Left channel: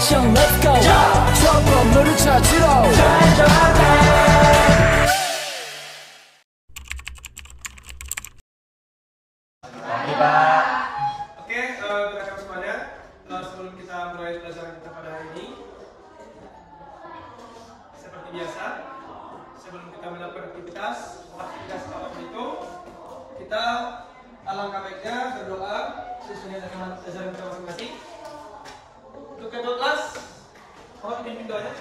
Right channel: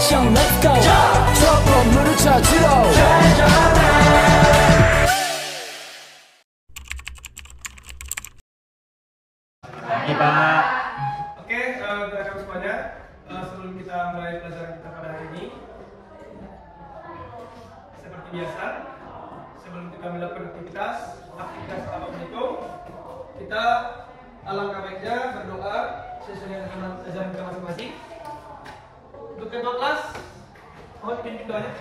action let's go 저 건물을 찾으러 Pagi Pak. Oke, teman-teman semuanya, sebelum kita mulai pelajaran kita pada hari ini, seperti biasa, sebelum kita melakukan aktivitas apapun itu, kita alangkah baiknya berdoa sesuai dengan ajaran kita masing-masing. Untuk kedua kelas, mohon pimpin doanya.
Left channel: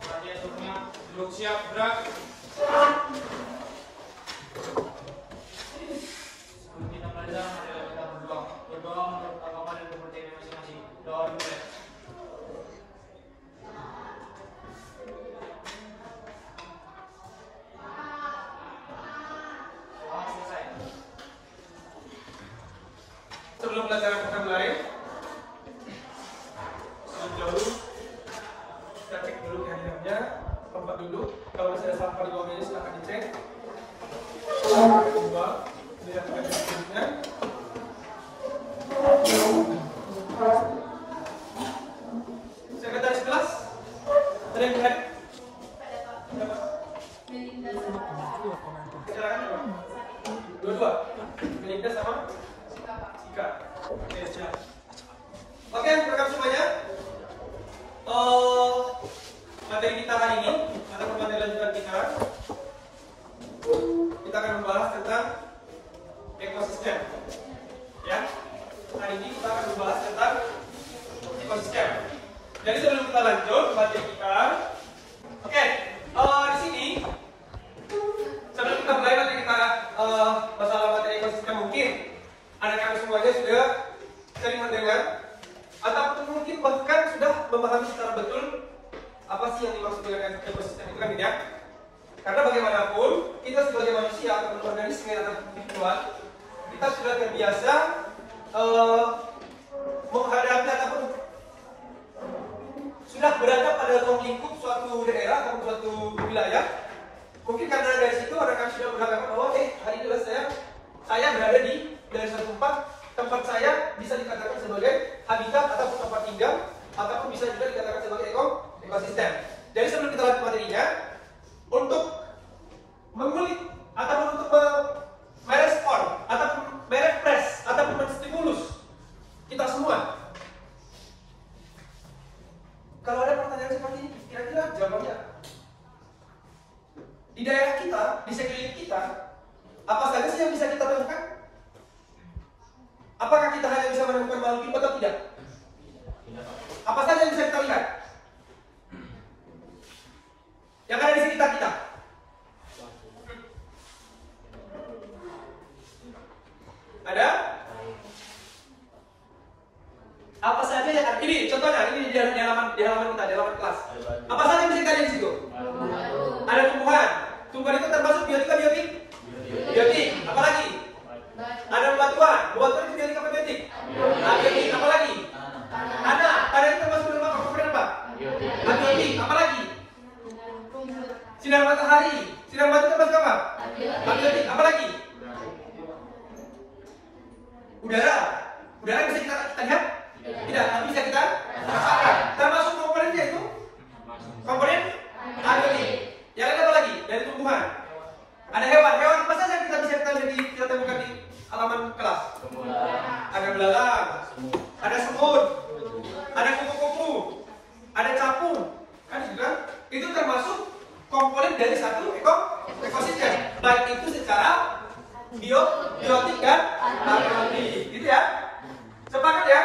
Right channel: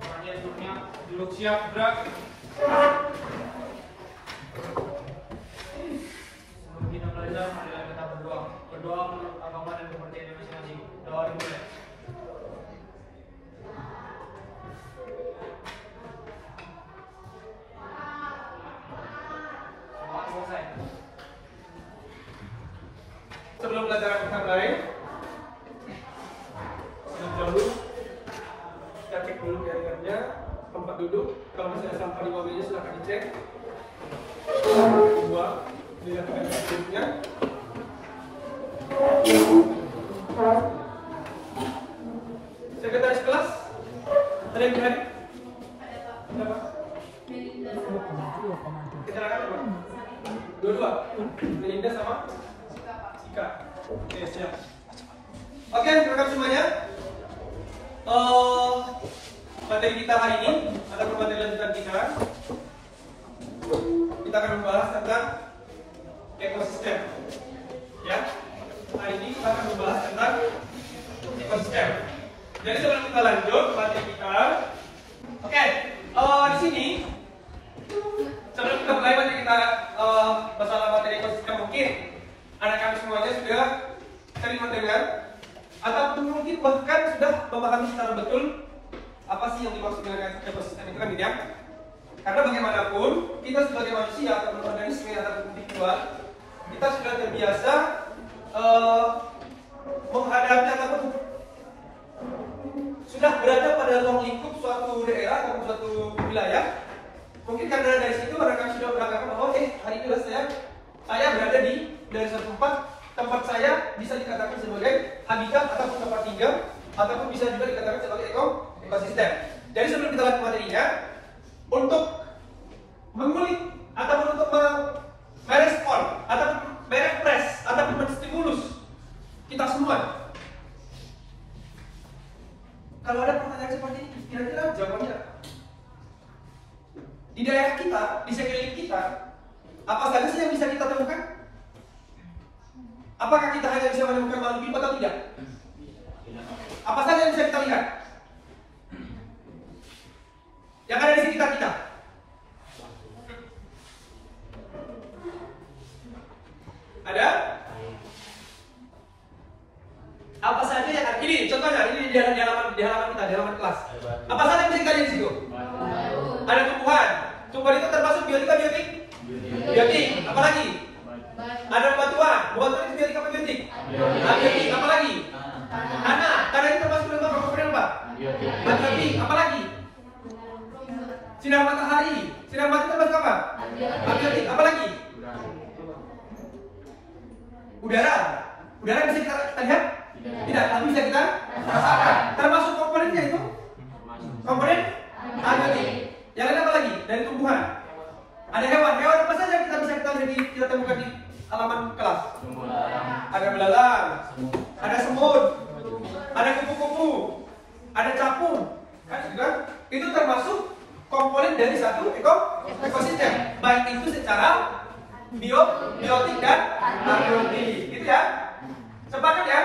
Kalian semuanya duduk siap, gerak. Sebelum kita belajar, marilah kita berdoa. Berdoa menurut agama dan kepercayaan masing-masing. Doa dimulai. Selesai. Sebelum pelajaran kita mulai, sebelum jauh, kita cek dulu kehadirannya, tempat duduk. Kalau masih ada sampah di bawah meja silahkan dicek. Kedua, dilihat tempat duduknya. Sekretaris kelas, ada yang hadir? Ada Pak? Kecelakaan apa? Dua-dua? Melinda sama? Sika. Oke, siap. Oke, rekan semuanya. Materi kita hari ini atau materi lanjutan kita akan membahas tentang ekosistem. Ya, hari ini kita akan membahas tentang ekosistem. Jadi sebelum kita lanjut materi kita, oke, di sini sebelum kita mulai materi kita masalah materi ekosistem, mungkin anak kami semuanya sudah sering mendengar atau mungkin bahkan sudah memahami secara betul apa sih yang dimaksud dengan ekosistem itu kan, ya? Karena bagaimanapun kita sebagai manusia atau organisme atau individual, kita sudah terbiasa menghadapi ataupun sudah berada pada ruang lingkup suatu daerah atau suatu wilayah. Mungkin karena dari situ orang sudah beranggapan bahwa hari ini saya berada dari suatu tempat saya bisa dikatakan sebagai habitat ataupun tempat tinggal ataupun bisa juga dikatakan sebagai ekosistem. Jadi sebelum kita lanjut materinya, untuk mengulik ataupun untuk merespon ataupun merepres ataupun menstimulus kita semua, kalau ada pertanyaan seperti ini, kira-kira jawabannya di daerah kita, di sekeliling kita, apa saja sih yang bisa kita temukan? Apakah kita hanya bisa menemukan makhluk hidup atau tidak? Apa saja yang bisa kita lihat? Yang ada di sekitar kita. Ada? Apa saja yang ada? Ini contohnya, ini di halaman kita, di halaman kelas. Apa saja yang bisa kita lihat di situ? Ada tumbuhan. Tumbuhan itu termasuk biotik atau biotik? Biotik. Apa lagi? Ada batuan. Batuan itu biotik apa biotik? Biotik. Apa lagi? Tanah. Tanah itu termasuk komponen apa? Biotik. Apa lagi? Sinar matahari. Sinar matahari itu termasuk apa? Biotik. Apa lagi? Udara. Udara bisa kita lihat? Tidak, tapi bisa kita rasakan. Termasuk komponennya itu? Komponen abiotik. Yang lain apa lagi? Dari tumbuhan. Ada hewan. Hewan apa saja yang kita temukan di halaman kelas? Ada belalang, ada semut, ada kupu-kupu, ada capung. Kan sudah? Itu termasuk komponen dari satu ekosistem. Baik itu secara biotik dan abiotik. Gitu ya? Sepakat ya?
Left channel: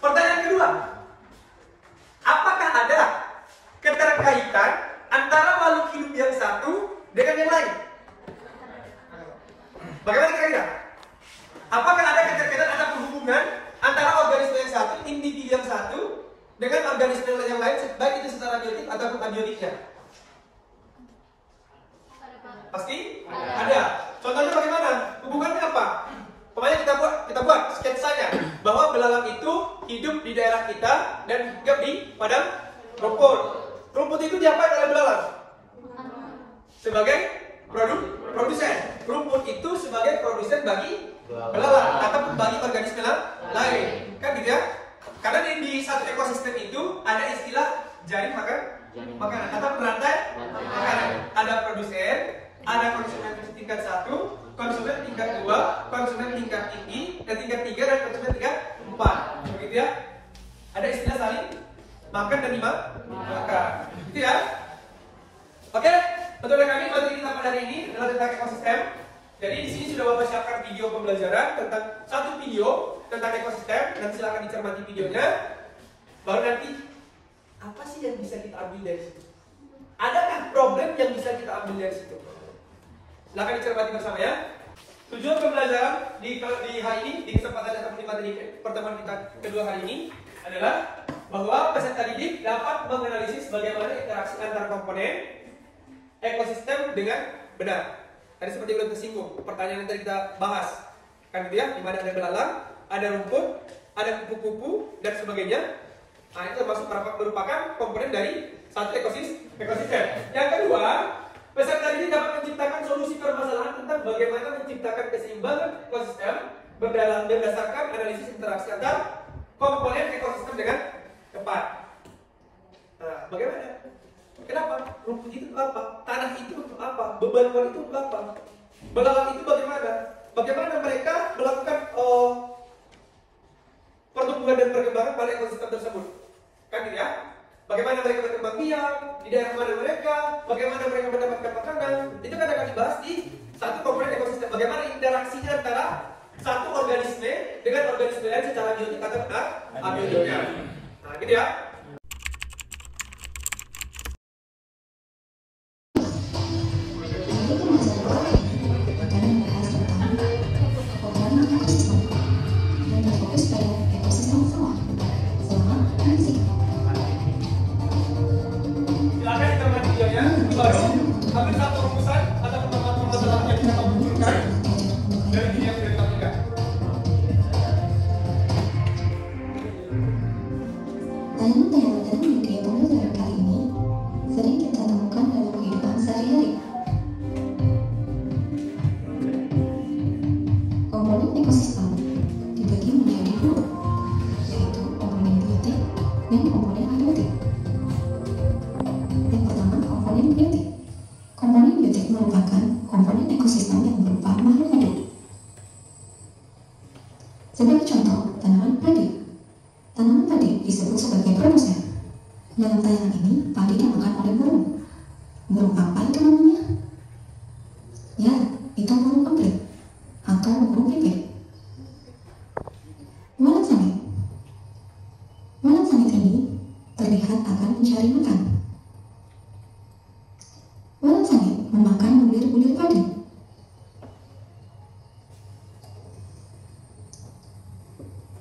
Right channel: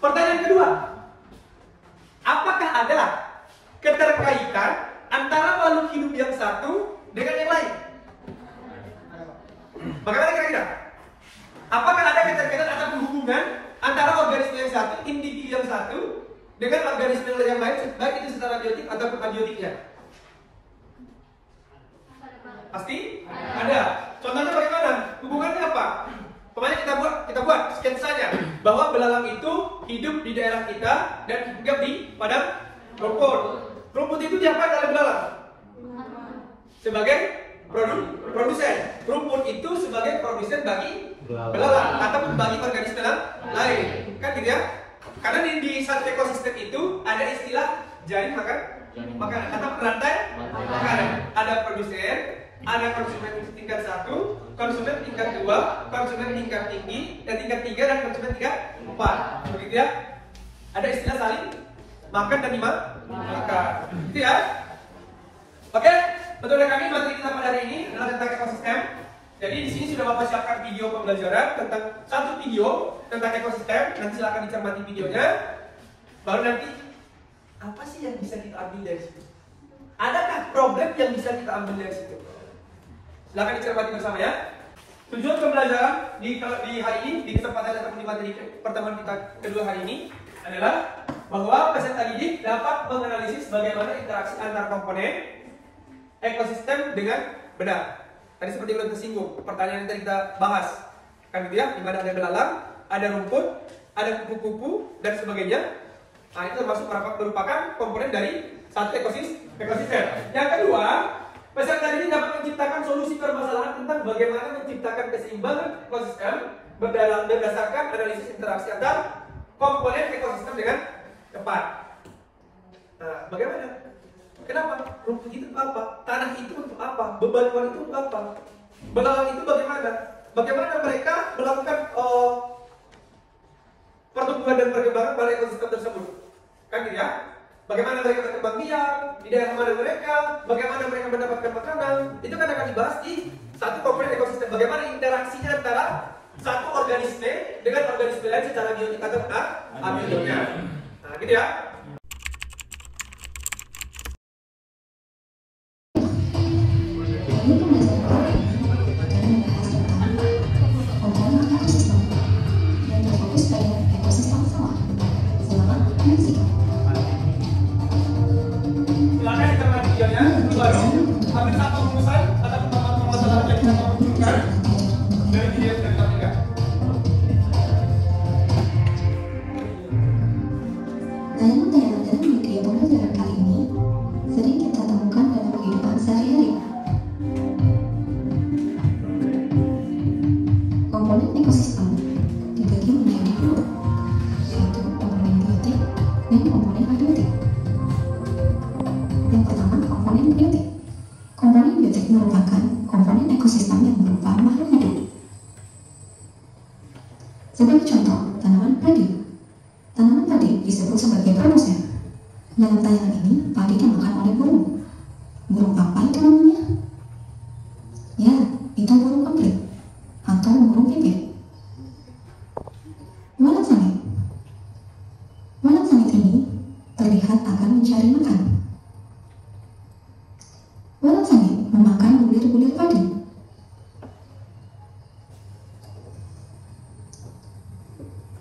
Pertanyaan kedua, apakah ada keterkaitan antara makhluk hidup yang satu dengan yang lain? Bagaimana kira-kira? Apakah ada keterkaitan atau hubungan antara organisme yang satu, individu yang satu, dengan organisme yang lain, baik itu secara biotik ataupun abiotiknya? Pasti? Ada. Contohnya bagaimana? Hubungannya apa? Pokoknya kita buat sketsanya bahwa belalang itu hidup di daerah kita dan hinggap di padang rumput. Rumput itu diapain oleh belalang? Sebagai produsen. Rumput itu sebagai produsen bagi belalang akan membagi organisme lain, kan gitu ya? Karena di satu ekosistem itu ada istilah jaring makan makanan atau perantai makanan. Ada produsen, ada konsumen tingkat 1, konsumen tingkat 2, konsumen tingkat tinggi, dan tingkat 3 dan konsumen tingkat 4. Begitu ya? Ada istilah saling makan dan dimakan. Gitu ya? Oke, metode kami materi kita pada hari ini adalah tentang ekosistem. Jadi di sini sudah Bapak siapkan video pembelajaran tentang satu video tentang ekosistem. Nanti silakan dicermati videonya. Baru nanti apa sih yang bisa kita ambil dari situ? Adakah problem yang bisa kita ambil dari situ? Silakan dicermati bersama ya. Tujuan pembelajaran di hari ini, di kesempatan yang materi pertemuan kita kedua hari ini adalah bahwa peserta didik dapat menganalisis bagaimana interaksi antar komponen ekosistem dengan benar. Tadi seperti udah tersinggung, pertanyaan yang tadi kita bahas, kan gitu ya, di mana ada belalang, ada rumput, ada kupu-kupu dan sebagainya. Nah, itu merupakan komponen dari satu ekosistem. Yang kedua, peserta didik dapat menciptakan solusi permasalahan tentang bagaimana menciptakan keseimbangan ekosistem berdasarkan analisis interaksi antar komponen ekosistem dengan tepat. Nah, bagaimana? Kenapa? Rumput itu untuk apa? Tanah itu untuk apa? Bebatuan itu untuk apa? Belalang itu bagaimana? Bagaimana mereka melakukan pertumbuhan dan perkembangan pada ekosistem tersebut? Kan gitu ya? Bagaimana mereka berkembang biak di daerah mana mereka? Bagaimana mereka mendapatkan makanan? Itu kan akan dibahas di satu komponen ekosistem. Bagaimana interaksinya antara satu organisme dengan organisme lain secara biotik atau abiotiknya. Nah, gitu ya. Sebagai contoh, tanaman padi. Tanaman padi disebut sebagai produsen. Dalam tayangan ini, padi dimakan oleh burung. Burung apa itu namanya? Ya, itu burung emprit atau burung pipit. Walang sangit. Walang sangit ini terlihat akan mencari makan. Walang sangit memakan bulir-bulir padi.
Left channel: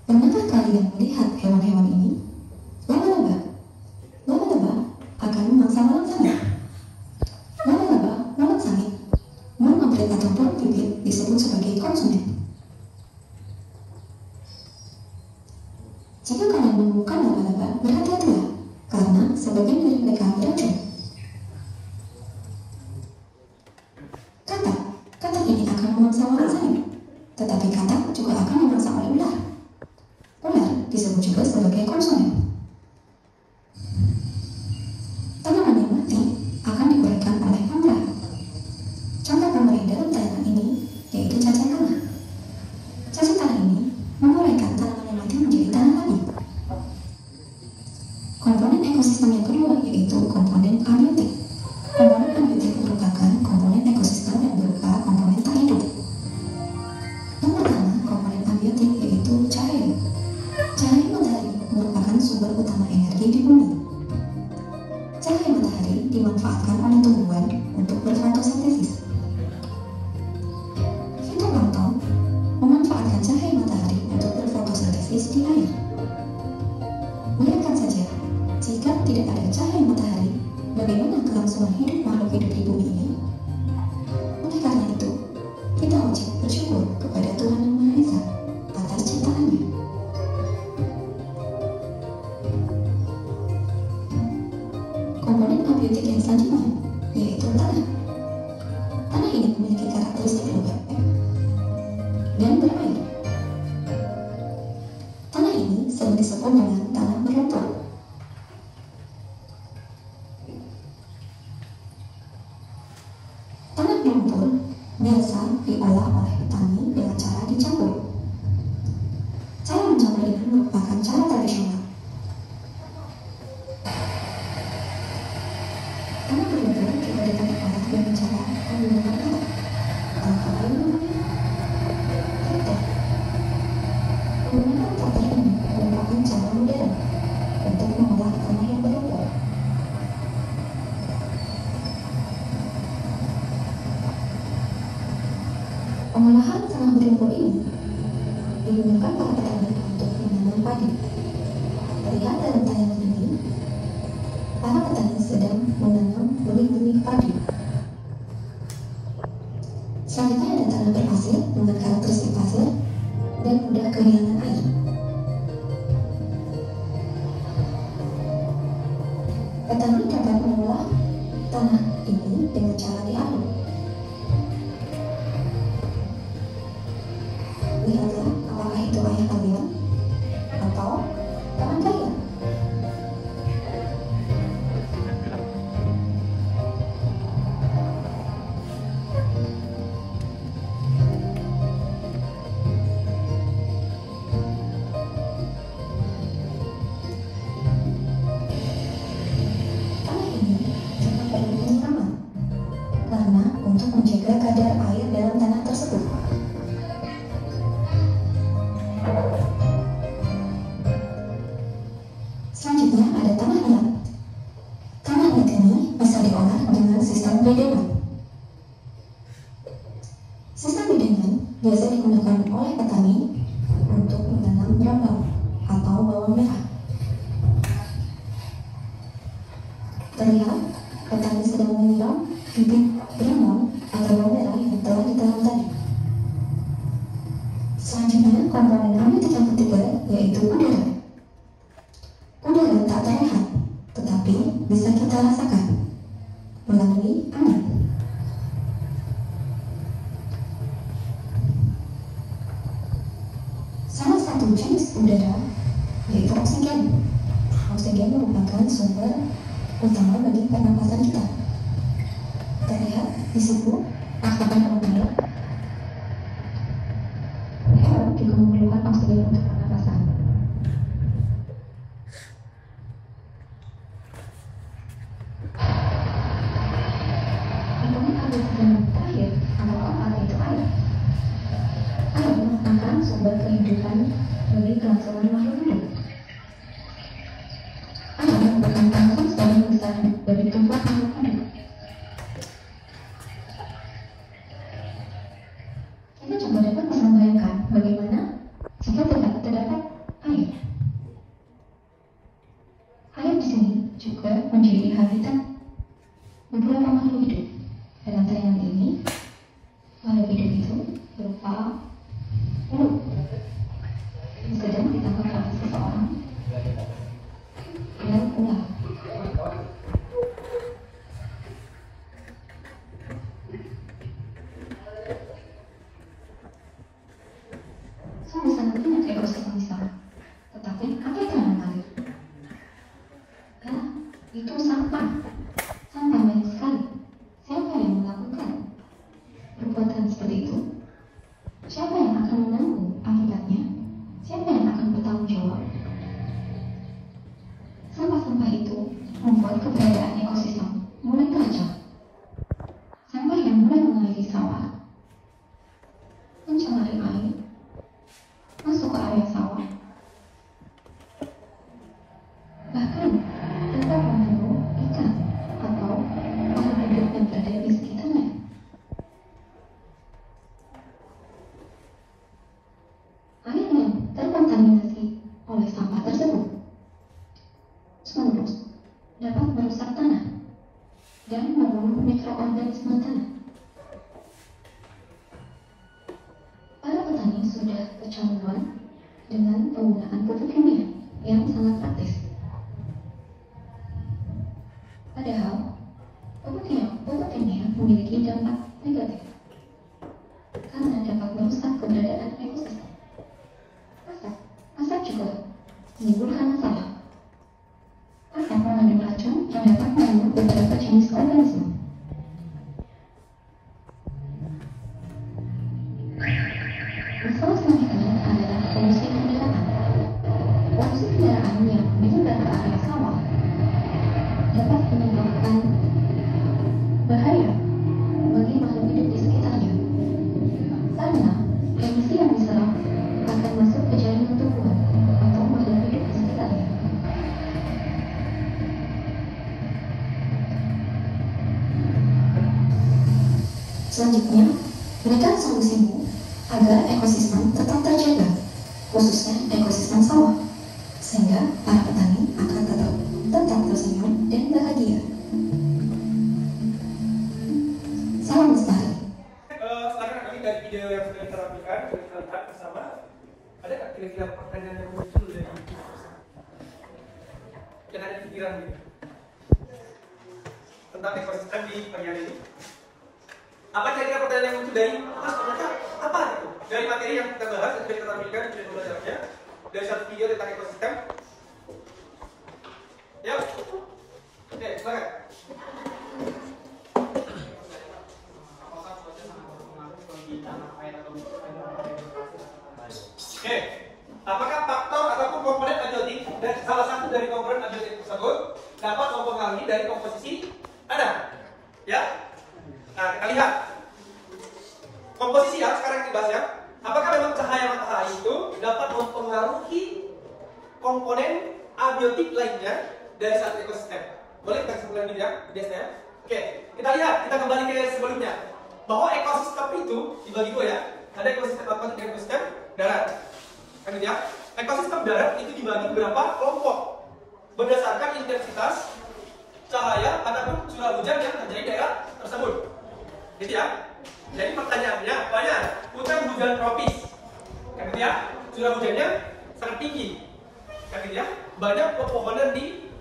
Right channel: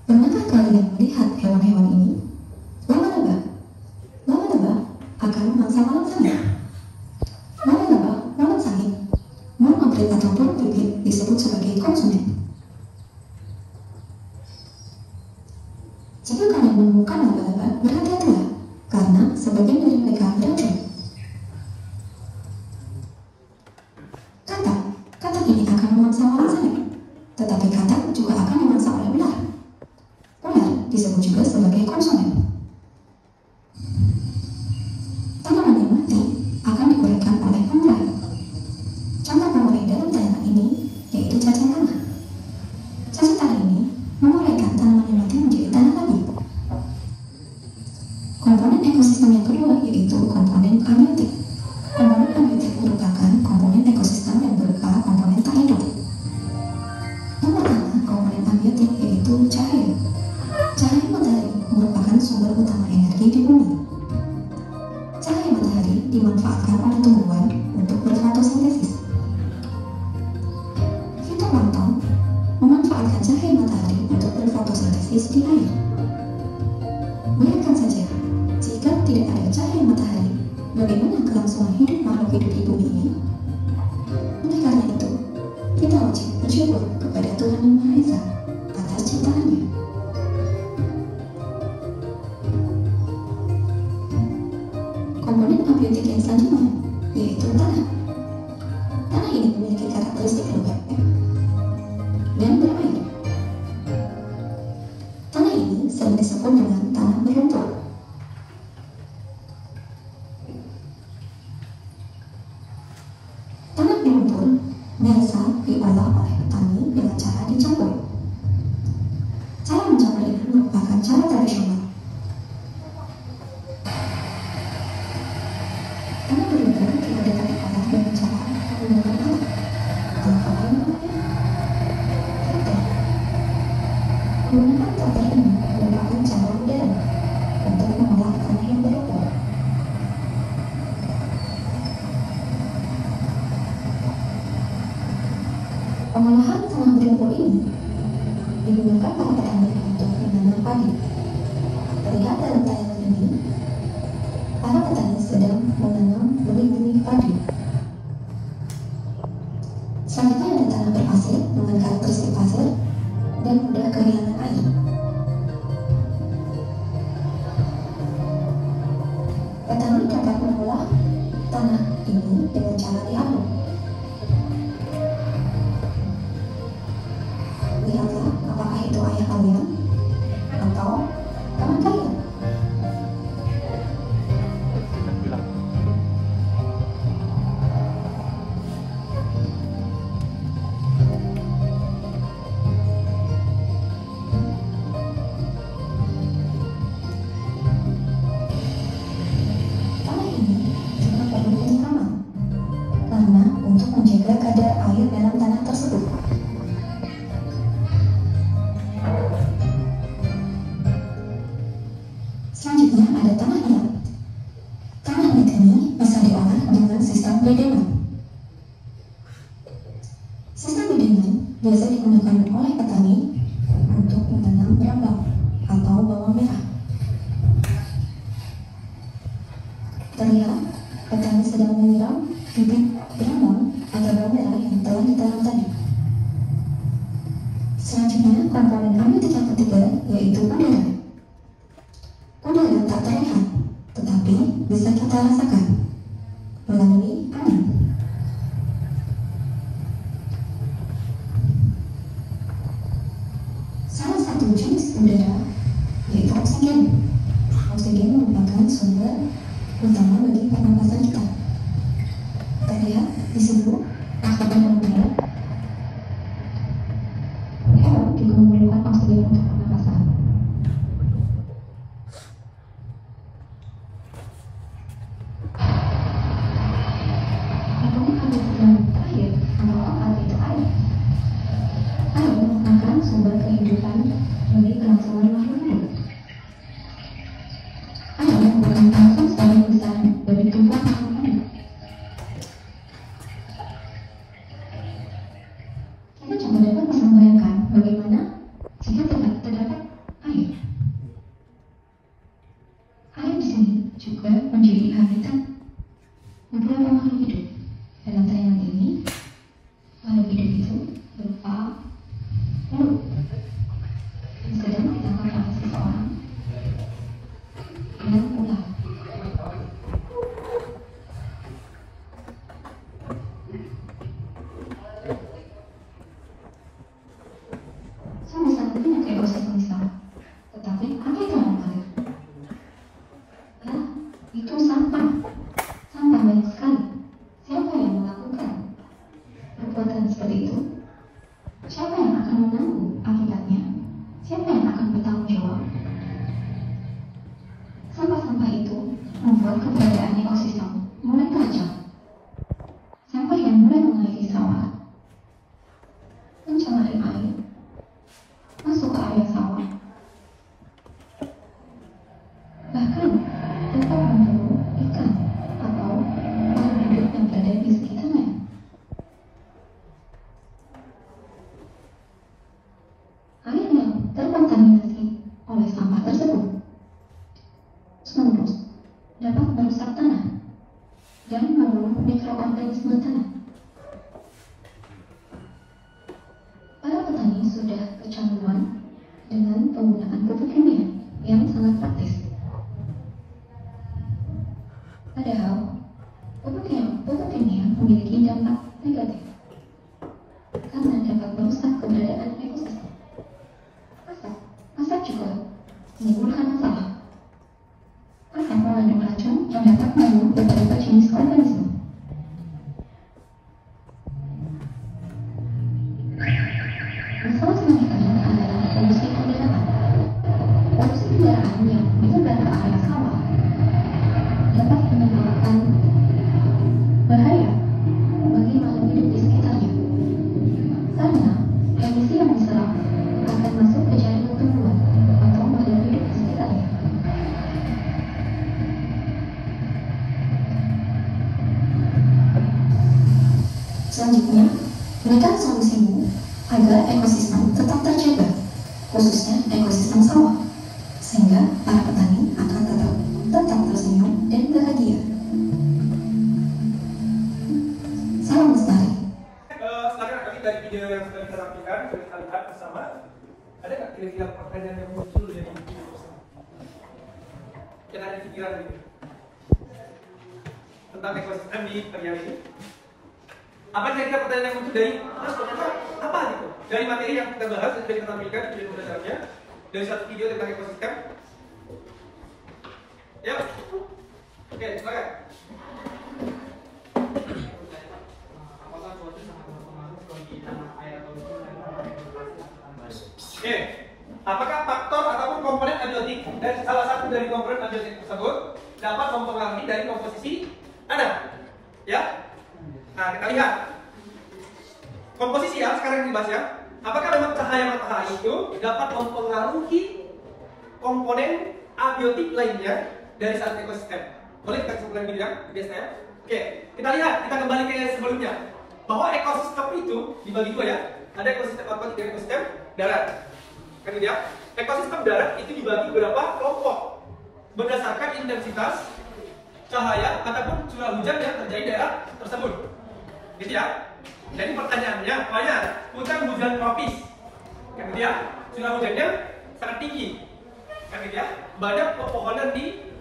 Pernahkah kalian melihat hewan-hewan ini? Laba-laba. Laba-laba akan memangsa walang sangit. Laba-laba, walang sangit, burung emprit atau burung pipit disebut sebagai konsumen. Jika kalian menemukan laba-laba, berhati-hatilah, karena sebagian dari mereka beracun. Katak ini akan memangsa walang sangit, tetapi katak juga akan dimangsa oleh ular. Ular disebut juga sebagai konsumen. Tanaman yang mati akan digorengkan oleh pemerah. Contoh pemerah dalam tanaman ini yaitu cacing tanah. Cacing tanah ini menguraikan tanaman yang mati menjadi tanah lagi. Komponen ekosistem yang kedua yaitu komponen abiotik. Komponen abiotik merupakan komponen ekosistem yang berupa komponen tak hidup. Yang pertama, komponen abiotik yaitu cahaya. Cahaya matahari merupakan sumber utama energi di bumi. Cahaya matahari dimanfaatkan oleh tumbuhan untuk berfotosintesis. Fitoplankton memanfaatkan cahaya matahari untuk berfotosintesis di air. Bayangkan saja, jika tidak ada cahaya matahari, bagaimana kelangsungan hidup makhluk hidup di bumi ini? Oleh karena itu, kita wajib bersyukur kepada Tuhan Yang Maha Esa atas ciptaannya. Komponen abiotik yang selanjutnya yaitu tanah. Tanah ini memiliki karakteristik lembab dan bermain. biasa diolah oleh petani dengan cara dicampur. Cara mencampur ini merupakan cara tradisional. Karena berbeda jika diolah dengan cara menggunakan alat. Kalau menggunakan traktor ini merupakan cara modern untuk mengolah tanah yang berlumpur. Pengolahan tanah berlumpur ini digunakan para petani untuk menanam padi. Terlihat dalam tayangan ini, para petani sedang menanam benih-benih padi. Selanjutnya ada tanah berpasir dengan karakteristik pasir dan mudah kehilangan air. Petani dapat mengolah tanah ini dengan cara diaduk. Lihatlah apakah itu air kalian atau tangan kalian. Tanah ini juga perlu penyiraman karena untuk menjaga kadar air dalam tanah tersebut. Selanjutnya ada tanah liat. Tanah liat ini bisa diolah dengan sistem bedengan. Sistem bedengan biasa digunakan oleh petani untuk menanam brambang atau bawang merah. Terlihat petani sedang menyiram bibit brambang atau bawang merah yang telah ditanam tadi. Selanjutnya komponen abiotik yang ketiga yaitu udara. Udara tak terlihat, tetapi bisa kita rasakan melalui angin. Salah satu jenis udara yaitu oksigen. Oksigen merupakan sumber utama bagi pernapasan kita. Terlihat di situ rasakan mobil. Hewan juga memerlukan oksigen untuk pernapasan. Komponen abiotik yang terakhir adalah itu air. Air merupakan sumber kehidupan bagi kelangsungan makhluk hidup. Air merupakan alasan paling besar bagi tumbuhan makhluk hidup. Kita coba dapat membayangkan bagaimana jika tidak terdapat air. Air di sini juga menjadi habitat beberapa makhluk hidup. Dalam tayangan ini, makhluk hidup itu berupa telur yang sedang ditangkap oleh seseorang dengan ular. Sama-sama ini untuk ekosistem sama. Tetapi apa itu air? Itu sampah. Sampah banyak sekali. Siapa yang melakukan perbuatan seperti itu? Siapa yang akan menanggung akibatnya? Siapa yang akan bertanggung jawab? Sampah-sampah itu membuat keberadaan ekosistem mulai kacau. Sampah yang mulai mengairi sawah, mencemari air, masuk ke area sawah, bahkan dapat mengganggu ikan atau makhluk hidup yang berada di sekitarnya. Air yang terkontaminasi oleh sampah tersebut terus dapat merusak tanah dan membunuh mikroorganisme tanah. Para petani sudah kecanduan dengan penggunaan pupuk kimia yang sangat praktis. Padahal pupuk kimia memiliki dampak negatif karena dapat merusak keberadaan ekosistem. Asap juga menimbulkan masalah. Asap mengandung racun yang dapat membunuh beberapa jenis organisme. Demikian solusimu agar ekosistem tetap terjaga, khususnya ekosistem sawah, sehingga para petani akan tetap tersenyum dan bahagia. Salam lestari. Silakan nanti dari video yang sudah kita tampilkan, kita lihat bersama. Ada nggak kira-kira pertanyaan yang muncul dari video bersama? Yang ada di pikiran gitu tentang ekosistem di area ini? Apa kira-kira pertanyaan yang muncul dari terus ternyata apa gitu? Dari materi yang kita bahas, yang kita tampilkan di video belajarnya, dari satu video tentang ekosistem. Ya, oke, silakan. Oke, apakah faktor ataupun komponen abiotik dan salah satu dari komponen abiotik tersebut dapat mempengaruhi dari komposisi tanah? Ya, nah kita lihat komposisi ya sekarang yang dibahas ya. Apakah memang cahaya matahari itu dapat mempengaruhi komponen abiotik lainnya dari satu ekosistem? Boleh kita sebutkan video ya, biasanya. Oke, kita lihat, kita kembali ke sebelumnya bahwa ekosistem itu dibagi dua ya. Ada ekosistem apa? Dan ekosistem darat. Kemudian ekosistem darat itu dibagi beberapa kelompok berdasarkan intensitas cahaya ataupun curah hujan yang terjadi di daerah tersebut. Gitu ya. Jadi pertanyaannya, banyak hujan tropis. Kemudian curah hujannya sangat tinggi. Kemudian banyak pepohonan di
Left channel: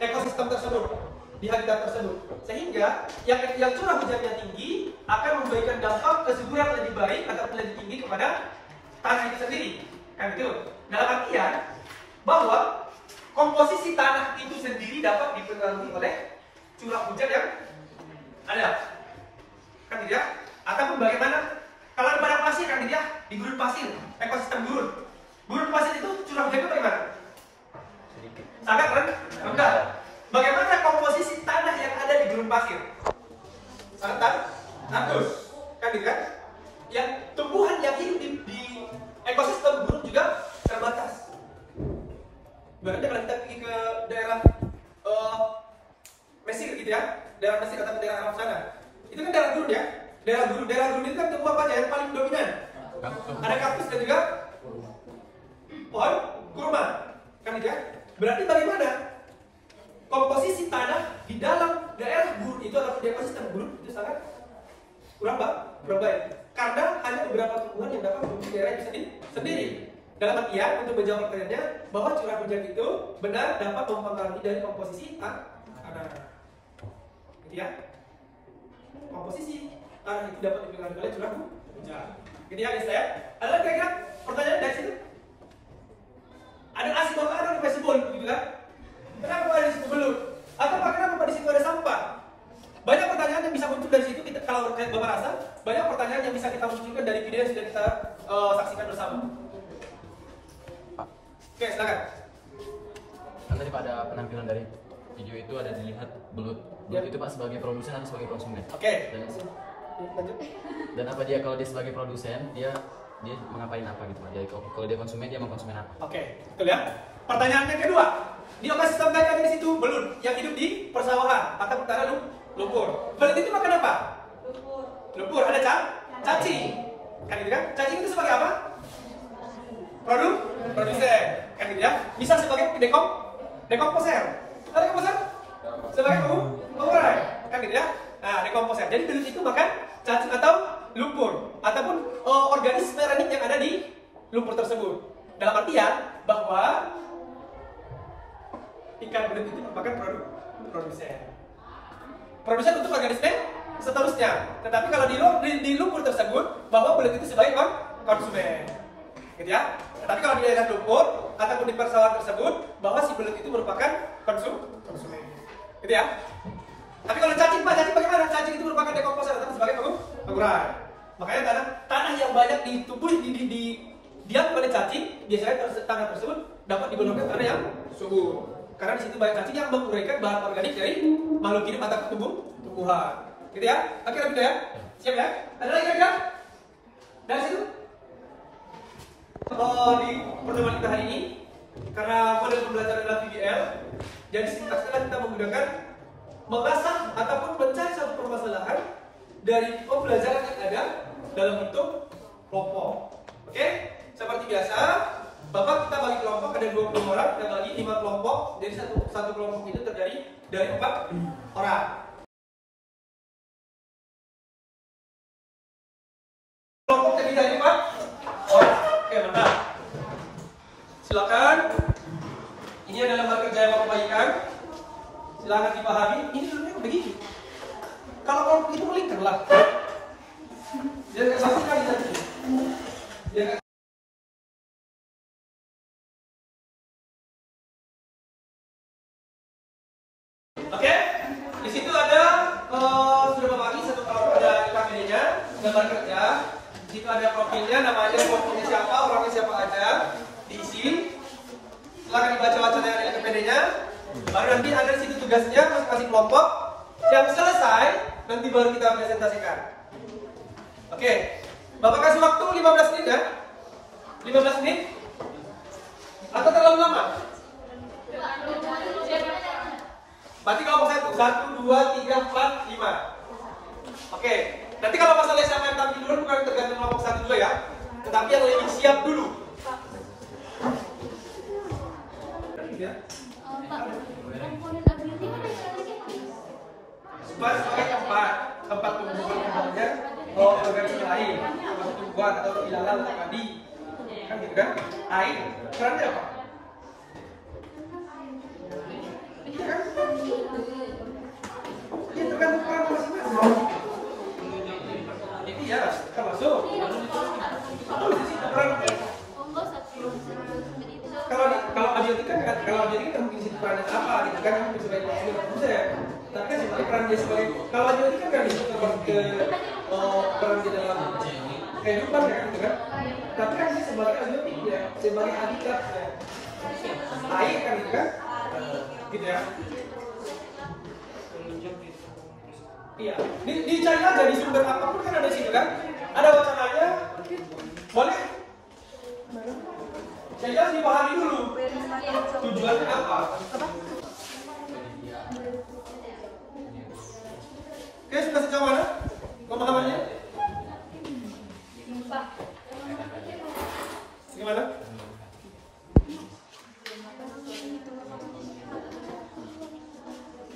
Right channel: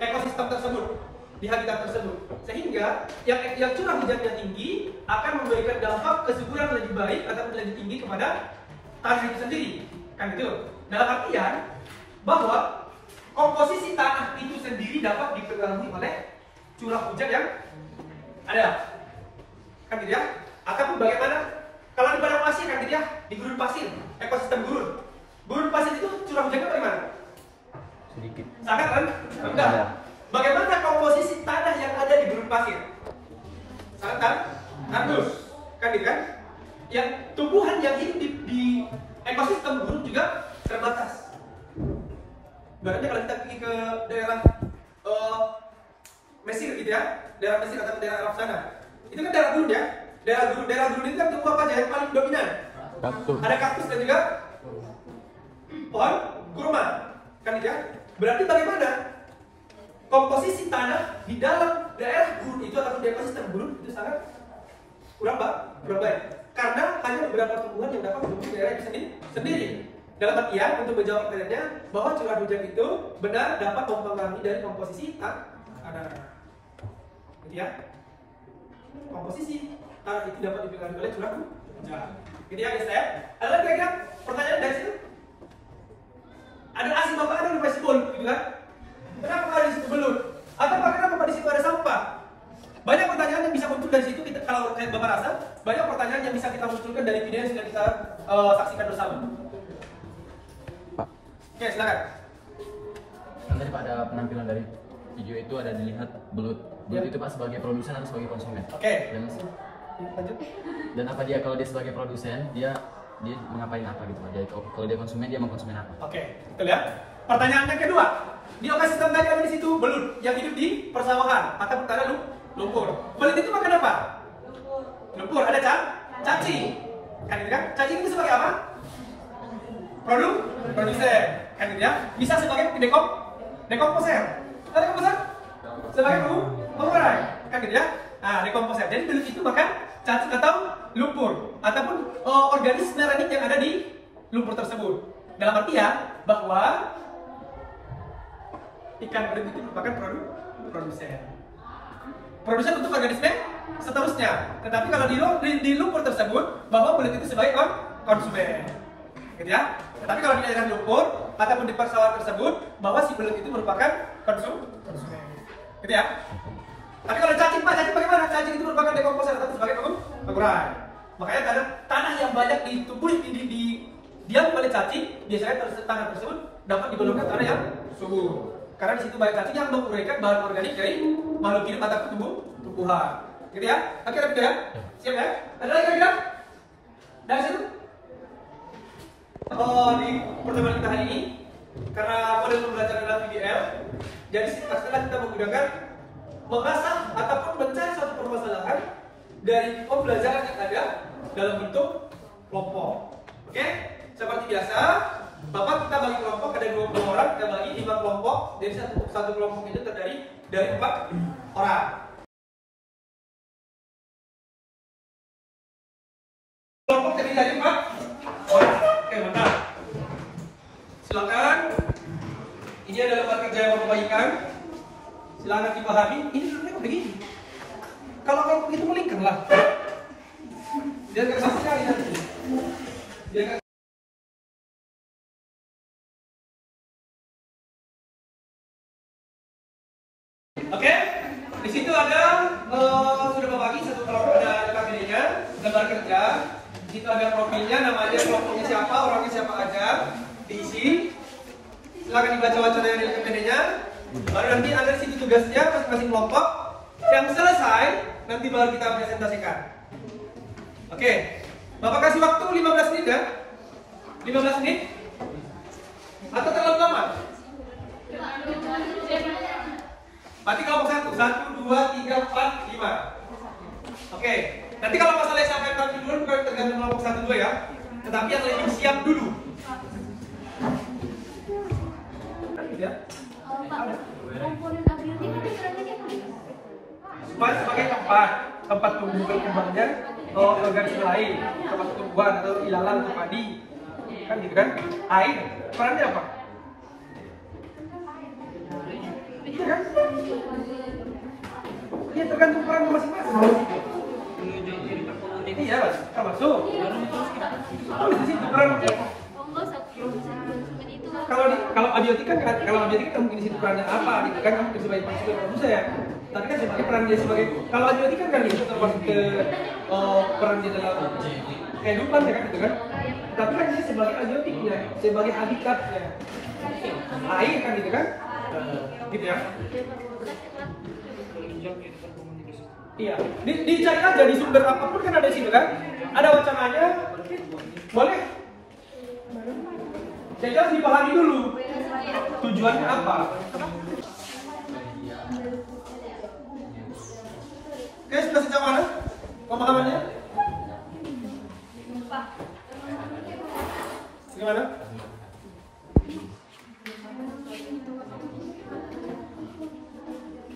ekosistem tersebut, di habitat tersebut. Sehingga yang curah hujannya tinggi akan memberikan dampak kesuburan lebih baik ataupun lebih tinggi kepada tanah itu sendiri. Kan gitu. Dalam artian bahwa komposisi tanah itu sendiri dapat dipengaruhi oleh curah hujan yang ada. Kan gitu ya. Ataupun bagaimana kalau di padang pasir, kan gitu ya, di gurun pasir, ekosistem gurun. Gurun pasir itu curah hujannya bagaimana? Sedikit. Sangat kan? Enggak. Bagaimana komposisi tanah yang ada di gurun pasir? Sangat kan? Bagus. Kan gitu kan? Yang tumbuhan yang hidup di ekosistem gurun juga terbatas. Berarti kalau kita pergi ke daerah Mesir gitu ya, daerah Mesir atau daerah Arab sana, itu kan daerah gurun ya. Daerah gurun itu kan tumbuh apa aja yang paling dominan? Ada kaktus dan juga pohon kurma. Kan gitu ya? Berarti bagaimana komposisi tanah di dalam daerah gurun itu atau di ekosistem gurun itu sangat kurang baik. Karena hanya beberapa tumbuhan yang dapat tumbuh di daerah itu sendiri. Dalam artian untuk menjawab pertanyaannya bahwa curah hujan itu benar dapat mempengaruhi dari komposisi tanah. Gitu ya? Komposisi tanah itu dapat dipengaruhi oleh curah hujan. Gitu ya guys ya? Ada kira-kira pertanyaan dari situ? Ada asin makanan di Facebook gitu kan? Kenapa di situ belut? Atau kenapa di situ ada sampah? Banyak pertanyaan yang bisa muncul dari situ. Kita kalau Bapak rasa banyak pertanyaan yang bisa kita munculkan dari video yang sudah kita saksikan bersama. Oke, silakan. Kan tadi pada penampilan dari video itu ada dilihat belut itu Pak sebagai produsen atau sebagai konsumen? Oke. Lanjut. Dan apa dia kalau dia sebagai produsen dia mengapain apa gitu Pak? Jadi kalau dia konsumen dia mau konsumen apa? Oke, kita lihat. Pertanyaan yang kedua. Di ekosistem tadi ada di situ belut yang hidup di persawahan atau tanah lumpur. Belut itu makan apa? Lumpur. Ada cacing. Kan gitu kan? Cacing itu sebagai apa? Produsen. Kan gitu ya? Bisa sebagai dekomposer. Ada dekomposer? Sebagai pengurai. Kan gitu ya? Nah, dekomposer. Jadi belut itu makan cacing atau lumpur ataupun organisme ranik yang ada di lumpur tersebut. Dalam artian bahwa ikan belut itu merupakan produsen. Produsen untuk organisme seterusnya. Tetapi kalau di lumpur tersebut bahwa belut itu sebagai konsumen. Gitu ya? Tetapi kalau di daerah lumpur ataupun di persawahan tersebut bahwa si belut itu merupakan konsumen. Gitu ya? Tapi kalau cacing Pak, cacing bagaimana? Cacing itu merupakan dekomposer atau sebagai pengurai. Makanya tanah yang banyak ditumbuh diam oleh cacing, biasanya tanah tersebut dapat digolongkan tanah yang subur. Karena di situ banyak cacing yang menguraikan bahan organik dari makhluk hidup atau tumbuhan. Gitu ya? Oke, gitu ya? Siap ya? Ada lagi kira-kira? Dari situ? Di pertemuan kita hari ini, karena model pembelajaran adalah VDL, jadi setelah kita menggunakan mengasah ataupun mencari suatu permasalahan dari pembelajaran yang ada dalam bentuk kelompok. Oke, seperti biasa, Bapak kita bagi kelompok ada 20 orang, kita bagi 5 kelompok. Jadi satu kelompok itu terdiri dari 4 orang. Kelompok terdiri dari 4 orang. Oke, benar. Silakan. Ini adalah mata kerja yang Bapak bagikan. Silakan dipahami. Ini sebenarnya begini. Kalau kelompok itu melingkar lah. Dia nggak sama sekali nanti. Dia nggak. Oke, di situ ada sudah Bapak bagi satu kelompok, ada KPD-nya, gambar kerja. Di situ ada profilnya, namanya, kelompoknya siapa, orangnya siapa aja, diisi. Silakan dibaca-baca dari KPD-nya. Baru nanti ada di situ tugasnya masing-masing kelompok. Yang selesai nanti baru kita presentasikan. Oke, Bapak kasih waktu 15 menit ya. 15 menit? Atau terlalu lama? Berarti kelompok 1, 2, 3, 4, 5. Oke, nanti kalau masalah saya akan tampil dulu, kalau tergantung kelompok 1, 2 ya. Tetapi yang lebih siap dulu. Ya. Sebagai tempat tumbuh berkembangnya organisme lain, termasuk tumbuhan atau ilalang atau padi, kan gitu kan? Air, perannya apa? Iya kan? Iya, tergantung peran masing-masing. Ini ya termasuk. Di situ peran. Kalau abiotik kan mungkin di situ perannya apa gitu kan, mungkin sebagai prosedur bisa ya. Tapi kan sebagai peran dia sebagai, kalau abiotik kan itu termasuk ke peran dia dalam kehidupan ya kan gitu kan. Tapi kan dia sebagai abiotik ya, sebagai habitat ya. Air kan gitu kan. Gitu ya. Iya, dicari aja di sumber apapun kan ada di situ kan. Ada wacananya. Boleh? Saya harus dipahami dulu tujuannya apa. Oke, sudah sejauh mana pemahamannya? Gimana?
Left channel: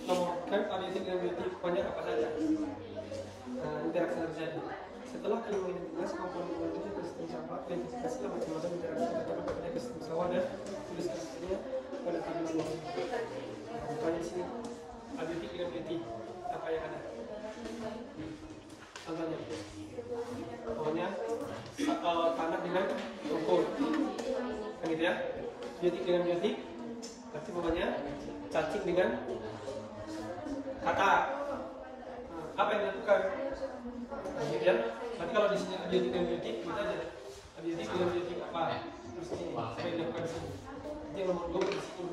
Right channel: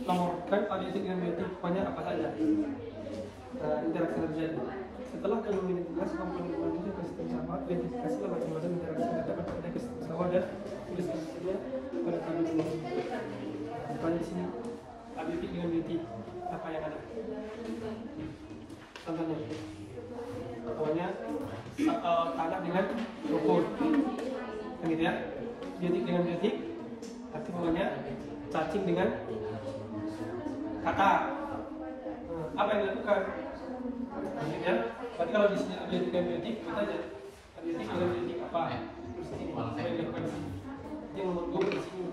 Nomorkan analitik dan biotik banyak apa saja interaksi terjadi. Setelah kalian mengidentifikasi komponen biologi ekosistem sawah, identifikasilah macam-macam interaksi terdapat pada ekosistem sawah dan tuliskan saja pada tabel bawah. Contohnya di sini abiotik dengan biotik apa yang ada? Contohnya, tanah dengan rumput, kan gitu ya? Biotik dengan biotik, arti namanya cacing dengan kata. Apa yang dilakukan? Ya, berarti kalau di sini abiotik dengan biotik, kita aja abiotik dengan biotik apa? Terus ini apa yang dilakukan di sini? Yang nomor 2 di sini.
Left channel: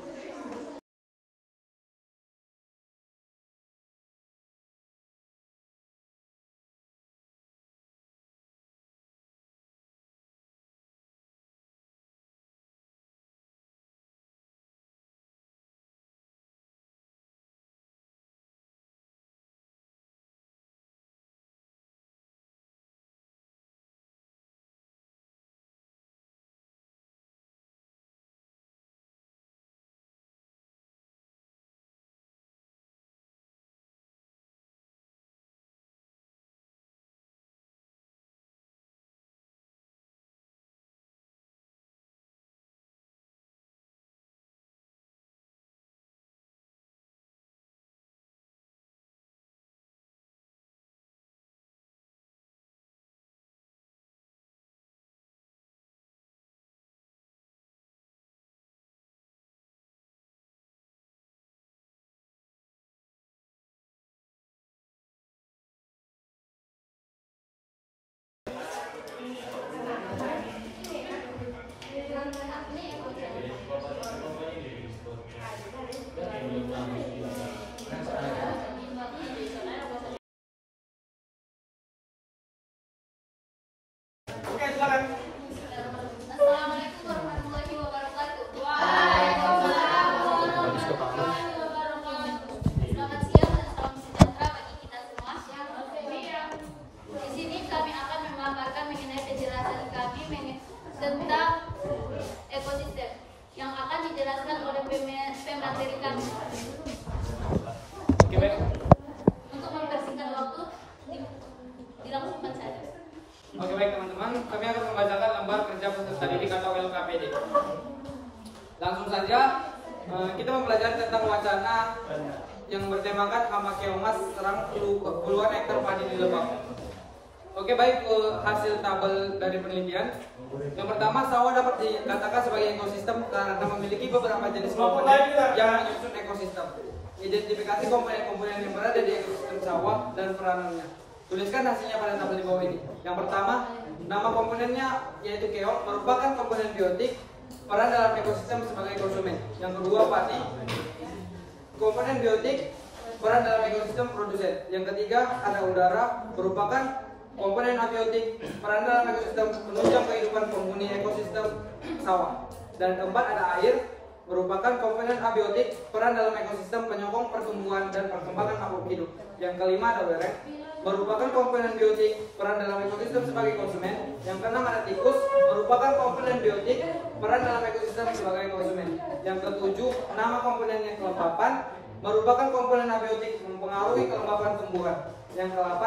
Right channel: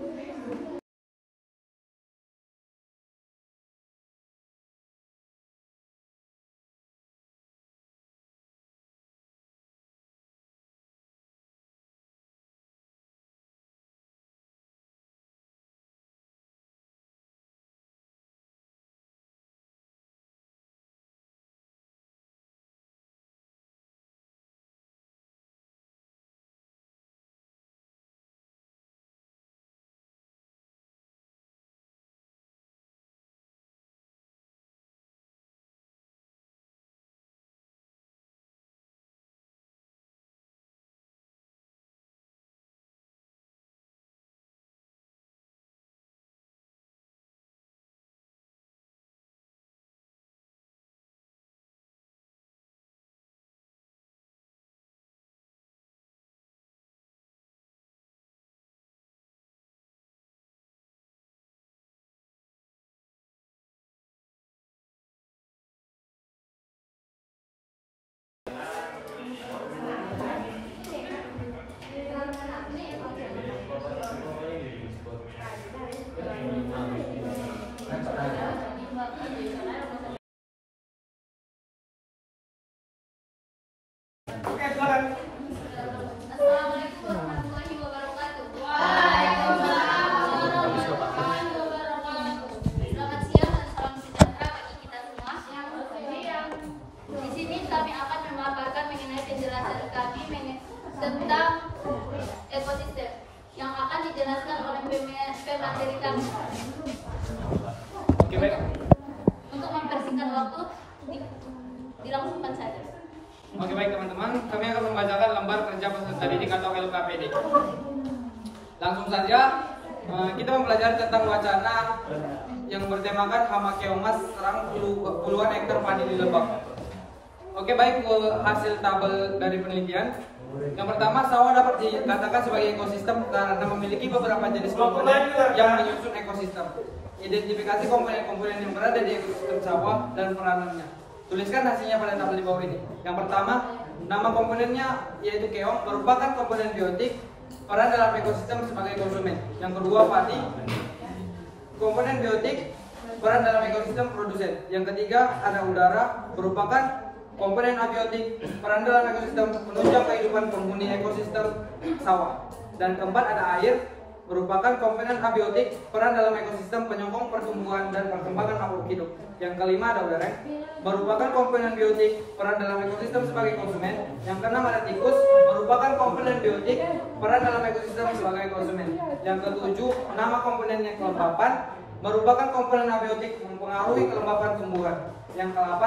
Oke, silakan. Assalamualaikum warahmatullahi wabarakatuh. Waalaikumsalam warahmatullahi wabarakatuh. Selamat siang dan salam sejahtera bagi kita semua. Di sini kami akan memaparkan tentang ekosistem yang akan dijelaskan oleh pemateri kami. Oke, baik. Untuk mempersingkat waktu, dilangsungkan saja. Oke, baik teman-teman, kami akan membacakan lembar kerja peserta didik atau LKPD. Langsung saja, kita mempelajari tentang wacana yang bertemakan hama keongmas serang puluhan hektar padi di Lebak. Oke, baik, hasil tabel dari penelitian. Yang pertama, sawah dapat dikatakan sebagai ekosistem karena memiliki beberapa jenis komponen yang menyusun ekosistem. Identifikasi komponen-komponen yang berada di ekosistem sawah dan peranannya. Tuliskan hasilnya pada tabel di bawah ini. Yang pertama, nama komponennya yaitu keong, merupakan komponen biotik, peran dalam ekosistem sebagai konsumen. Yang kedua, padi, komponen biotik, peran dalam ekosistem produsen. Yang ketiga, ada udara, merupakan komponen abiotik, peran dalam ekosistem menunjang kehidupan penghuni ekosistem sawah. Dan keempat, ada air, merupakan komponen abiotik, peran dalam ekosistem penyokong pertumbuhan dan perkembangan makhluk hidup. Yang kelima, ada wereng, merupakan komponen biotik, peran dalam ekosistem sebagai konsumen. Yang keenam, ada tikus, merupakan komponen biotik, peran dalam ekosistem sebagai konsumen. Yang ketujuh, nama komponennya kelembapan, merupakan komponen abiotik mempengaruhi kelembapan tumbuhan. Yang ke-8,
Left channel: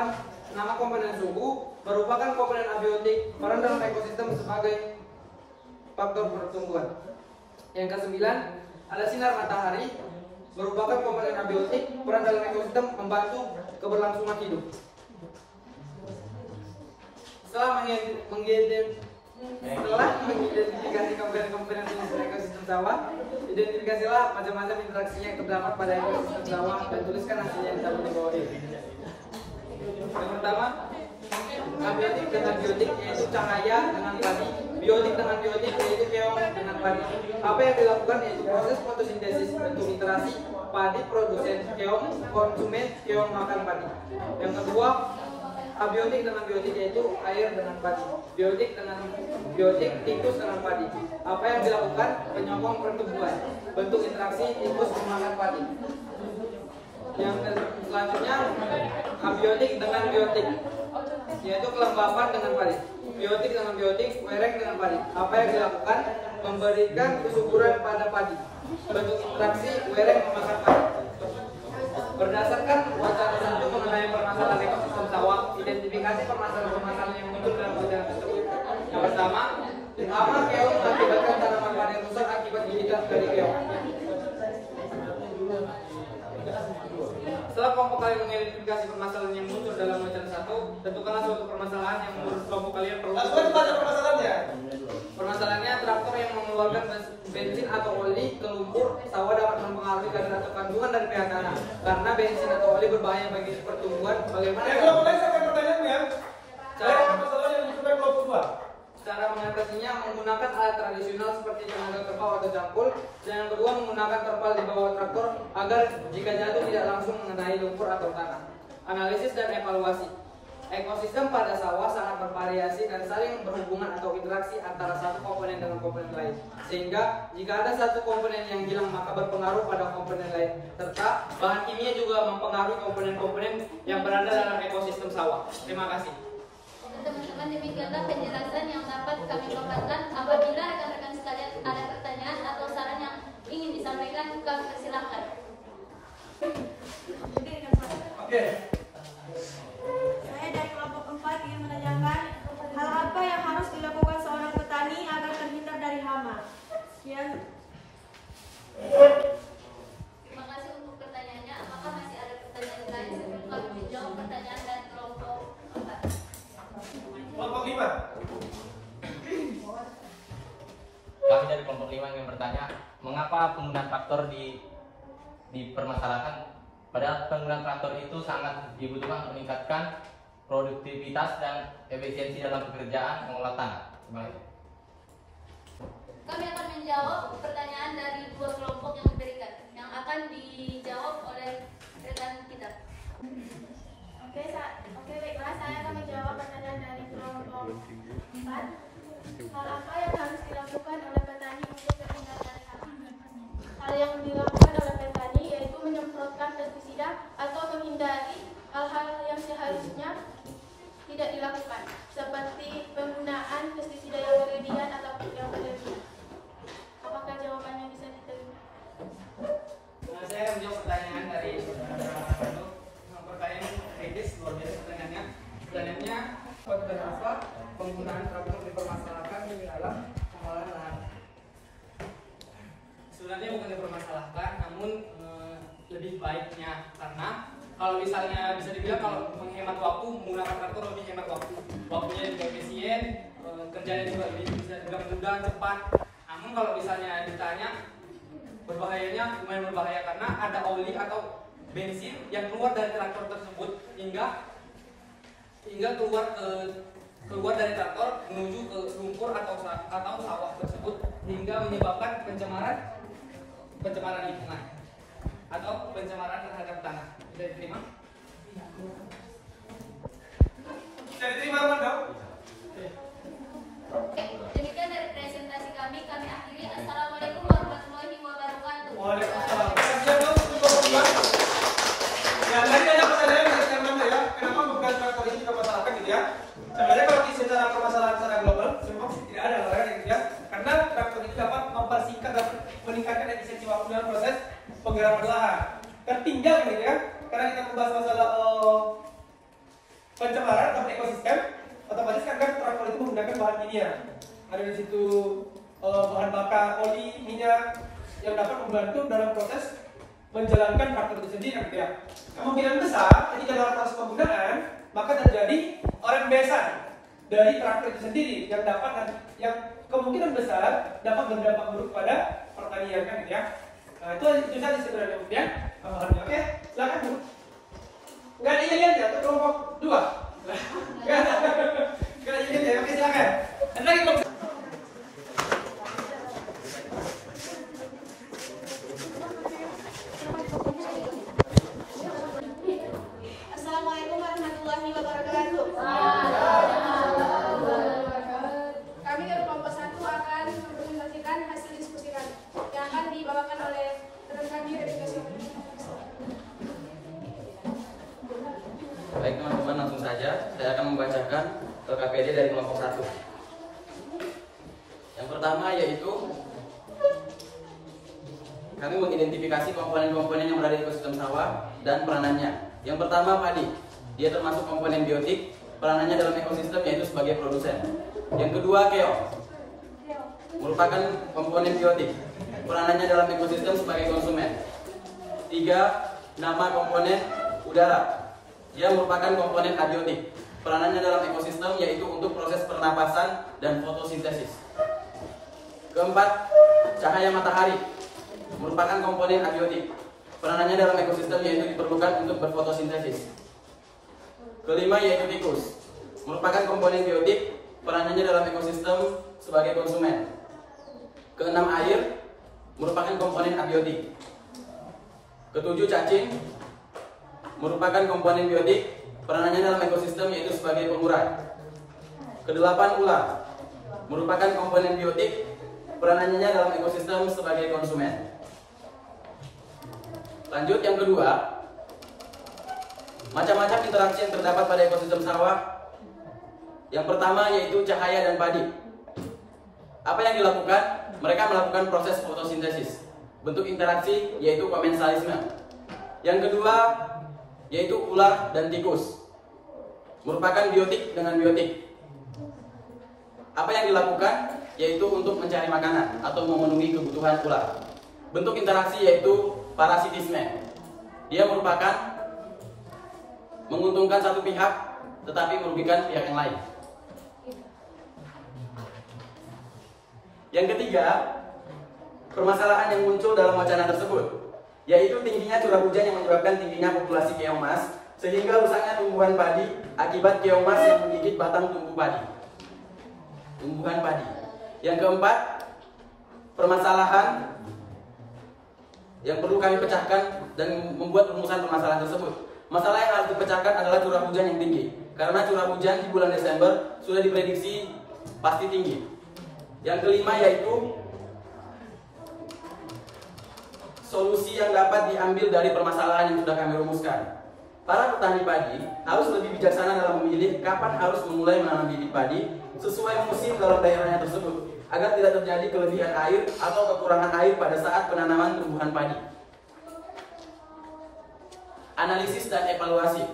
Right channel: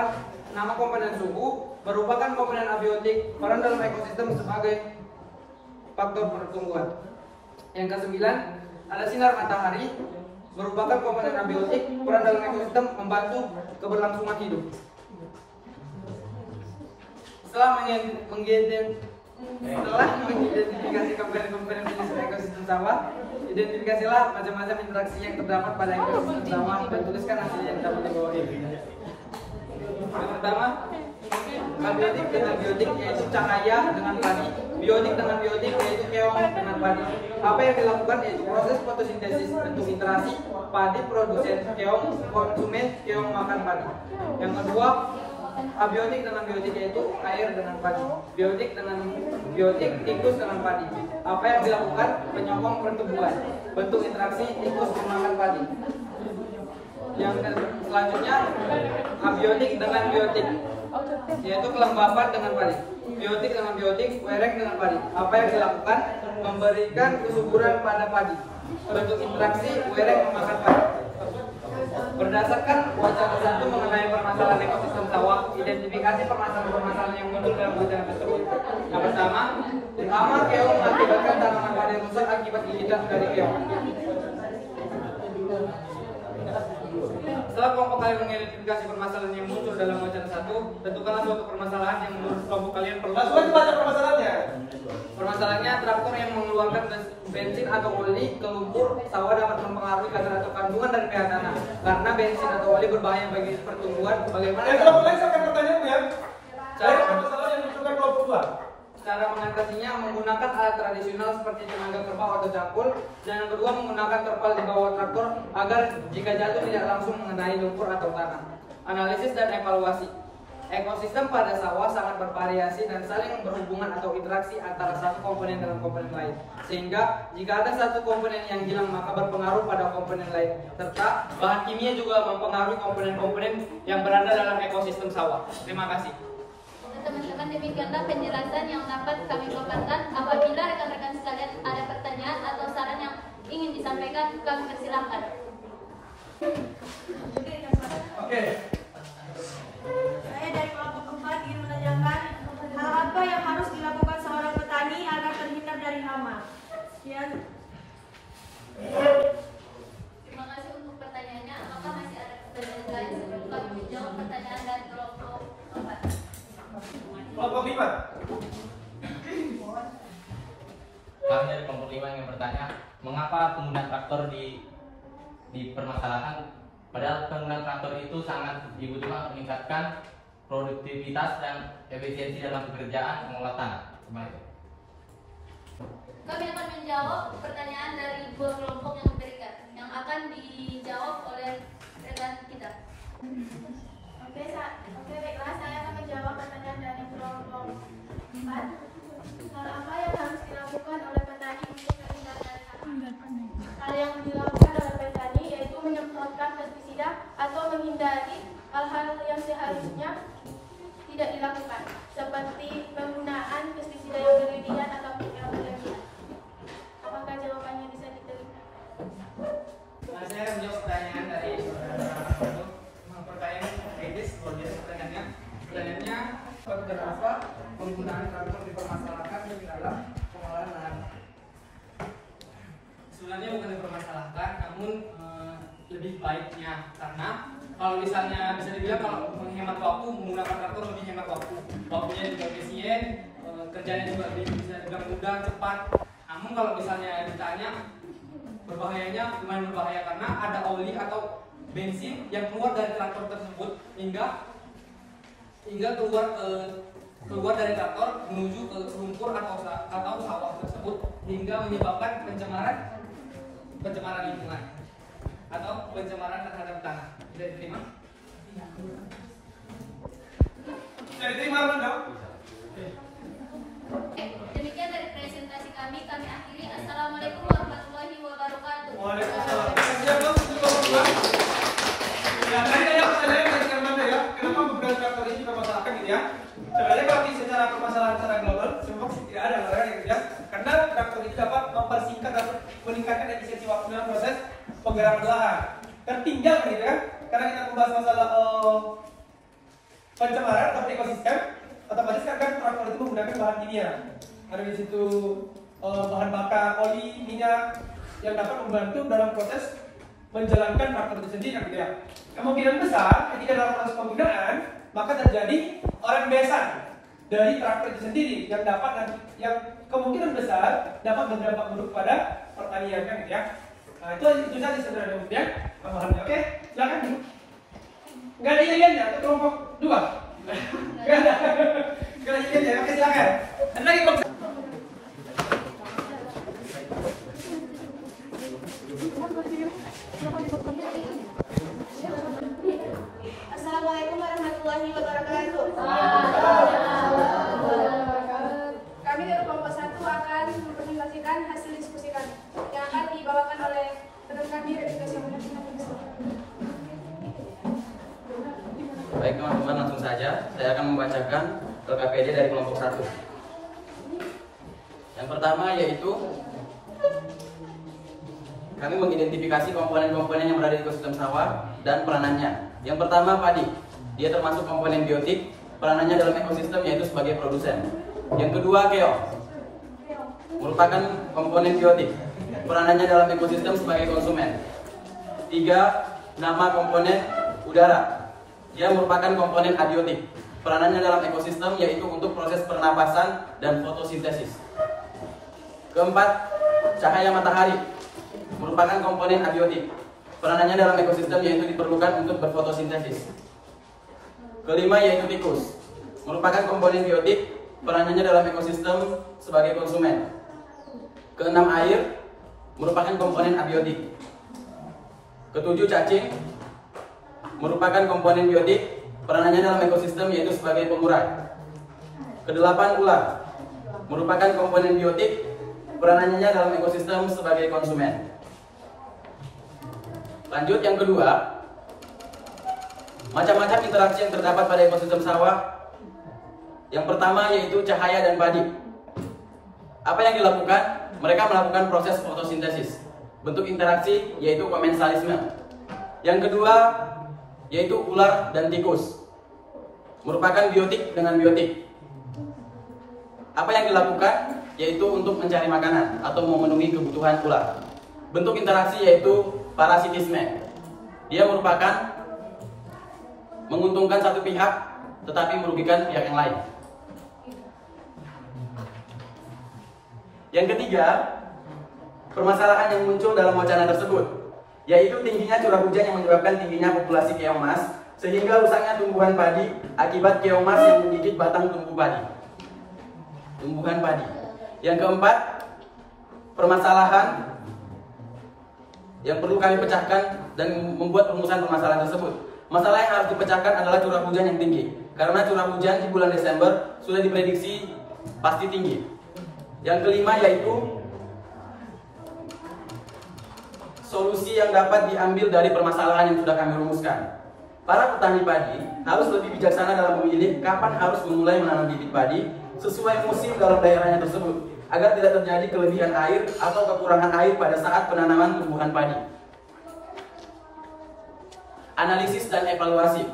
nama komponen suhu, merupakan komponen abiotik, peran dalam ekosistem sebagai faktor pertumbuhan. Yang ke-9, ada sinar matahari, merupakan komponen abiotik, peran dalam ekosistem membantu keberlangsungan hidup. Setelah mengidentifikasi komponen-komponen jenis ekosistem sawah, identifikasilah macam-macam interaksi yang terdapat pada ekosistem sawah dan tuliskan hasilnya di tabel di bawah ini. Yang pertama, abiotik dengan biotik yaitu cahaya dengan padi, biotik dengan biotik yaitu keong dengan padi. Apa yang dilakukan yaitu proses fotosintesis bentuk interaksi padi produsen, keong konsumen, keong makan padi. Yang kedua, abiotik dengan biotik yaitu air dengan padi, biotik dengan biotik tikus dengan padi. Apa yang dilakukan penyokong pertumbuhan, bentuk interaksi tikus memakan padi. Yang selanjutnya, abiotik dengan biotik yaitu kelembapan dengan padi, biotik dengan biotik, wereng dengan padi. Apa yang dilakukan memberikan kesuburan pada padi, bentuk interaksi wereng memakan padi. Berdasarkan wacana satu mengenai permasalahan ekosistem sawah, identifikasi permasalahan-permasalahan yang muncul dalam wacana tersebut. Yang pertama, hama keong mengakibatkan tanaman padi rusak akibat gigitan dari keong. Setelah kelompok kalian mengidentifikasi permasalahan yang muncul dalam wacana satu, tentukanlah suatu permasalahan yang menurut kelompok kalian perlu. Permasalahannya? Permasalahannya, traktor yang mengeluarkan bensin atau oli ke lumpur sawah dapat mempengaruhi kadar atau kandungan dari pH tanah. Karena bensin atau oli berbahaya bagi pertumbuhan. Bagaimana? Kelompok lain saya akan pertanyaannya. Permasalahan yang menunjukkan kelompok 2. Cara mengatasinya menggunakan alat tradisional seperti tenaga kerbau atau cangkul, dan yang kedua menggunakan terpal di bawah traktor agar jika jatuh tidak langsung mengenai lumpur atau tanah. Analisis dan evaluasi. Ekosistem pada sawah sangat bervariasi dan saling berhubungan atau interaksi antara satu komponen dengan komponen lain. Sehingga jika ada satu komponen yang hilang maka berpengaruh pada komponen lain. Serta bahan kimia juga mempengaruhi komponen-komponen yang berada dalam ekosistem sawah. Terima kasih. Teman-teman, demikianlah penjelasan yang dapat kami paparkan. Apabila rekan-rekan sekalian ada pertanyaan atau saran yang ingin disampaikan, kami persilahkan. Oke. Saya dari kelompok 4 ingin menanyakan hal apa yang harus dilakukan seorang petani agar terhindar dari hama. Sekian. Terima kasih untuk pertanyaannya. Apakah masih ada pertanyaan lain sebelum kami menjawab pertanyaan dari kelompok 4? Kelompok 5. Kami dari kelompok 5 ingin bertanya, mengapa penggunaan traktor dipermasalahkan? Padahal penggunaan traktor itu sangat dibutuhkan untuk meningkatkan produktivitas dan efisiensi dalam pekerjaan mengolah tanah. Kami akan menjawab pertanyaan dari dua kelompok yang memberikan, yang akan dijawab oleh rekan kita. Oke, baiklah, saya akan menjawab pertanyaan dari kelompok 4. Hal apa yang harus dilakukan oleh petani untuk terhindar dari hama? Hal yang dilakukan oleh petani yaitu menyemprotkan pestisida atau menghindari hal-hal yang seharusnya tidak dilakukan, seperti penggunaan pestisida yang berlebihan atau penggunaan traktor dipermasalahkan dalam pengolahan lahan. Sebenarnya bukan dipermasalahkan, namun lebih baiknya, karena kalau misalnya bisa dibilang kalau menghemat waktu, menggunakan traktor lebih hemat waktu, waktunya juga efisien, kerjanya juga bisa dibilang mudah, cepat. Namun kalau misalnya ditanya berbahayanya, lumayan berbahaya karena ada oli atau bensin yang keluar dari traktor tersebut hingga keluar dari traktor menuju ke lumpur atau sawah tersebut hingga menyebabkan pencemaran lingkungan atau pencemaran terhadap tanah. Bisa diterima? Bisa diterima, Bang? Demikian dari presentasi kami akhiri. Assalamualaikum warahmatullahi wabarakatuh. Waalaikumsalam. Ya, tadi ada pertanyaan dari teman-teman ya, kenapa penggunaan traktor ini dipermasalahkan gitu ya? Sebenarnya kalau secara permasalahan secara global, memang tidak ada larangan yang tidak, karena traktor itu dapat mempersingkat dan meningkatkan efisiensi waktu dalam proses penggerakan lahan. Tertinggal gitu ya, karena kita membahas masalah pencemaran atau ekosistem, otomatis kan traktor itu menggunakan bahan kimia. Ada di situ bahan bakar, oli, minyak yang dapat membantu dalam proses menjalankan traktor itu sendiri gitu ya. Kemungkinan besar ketika dalam proses penggunaan maka terjadi rembesan dari traktor itu sendiri yang kemungkinan besar dapat berdampak buruk pada pertanian kan gitu ya. Nah, itu saja sebenarnya ya. Oke, silakan dulu. Enggak ada iliannya untuk kelompok 2. Enggak ada iliannya. Oke, silakan. Ada lagi kelompok. Assalamualaikum warahmatullahi wabarakatuh. Kami dari kelompok 1 akan mempresentasikan hasil diskusi kami yang akan dibawakan oleh rekan kami dari kelompok 1. Baik teman-teman, langsung saja saya akan membacakan LKPD dari kelompok 1. Yang pertama yaitu kami mengidentifikasi komponen-komponen yang berada di ekosistem sawah dan peranannya. Yang pertama padi, dia termasuk komponen biotik, peranannya dalam ekosistem yaitu sebagai produsen. Yang kedua keong, merupakan komponen biotik, peranannya dalam ekosistem sebagai konsumen. 3. Nama komponen udara, dia merupakan komponen abiotik, peranannya dalam ekosistem yaitu untuk proses pernapasan dan fotosintesis. Keempat, cahaya matahari, merupakan komponen abiotik, peranannya dalam ekosistem yaitu diperlukan untuk berfotosintesis. Kelima yaitu tikus, merupakan komponen biotik, peranannya dalam ekosistem sebagai konsumen. Keenam air, merupakan komponen abiotik. Ketujuh cacing, merupakan komponen biotik, peranannya dalam ekosistem yaitu sebagai pengurai. Kedelapan ular, merupakan komponen biotik, peranannya dalam ekosistem sebagai konsumen. Lanjut yang kedua, macam-macam interaksi yang terdapat pada ekosistem sawah. Yang pertama yaitu cahaya dan padi. Apa yang dilakukan? Mereka melakukan proses fotosintesis. Bentuk interaksi yaitu komensalisme. Yang kedua yaitu ular dan tikus, merupakan biotik dengan biotik. Apa yang dilakukan? Yaitu untuk mencari makanan atau memenuhi kebutuhan ular. Bentuk interaksi yaitu parasitisme. Dia merupakan menguntungkan satu pihak tetapi merugikan pihak yang lain. Yang ketiga, permasalahan yang muncul dalam wacana tersebut yaitu tingginya curah hujan yang menyebabkan tingginya populasi keong mas sehingga rusaknya tumbuhan padi akibat keong mas yang menggigit batang tumbuhan padi. Yang keempat, permasalahan yang perlu kami pecahkan dan membuat perumusan permasalahan tersebut. Masalah yang harus dipecahkan adalah curah hujan yang tinggi, karena curah hujan di bulan Desember sudah diprediksi pasti tinggi. Yang kelima yaitu solusi yang dapat diambil dari permasalahan yang sudah kami rumuskan. Para petani padi harus lebih bijaksana dalam memilih kapan harus memulai menanam bibit padi sesuai musim dalam daerahnya tersebut, agar tidak terjadi kelebihan air atau kekurangan air pada saat penanaman tumbuhan padi. Analisis dan evaluasi.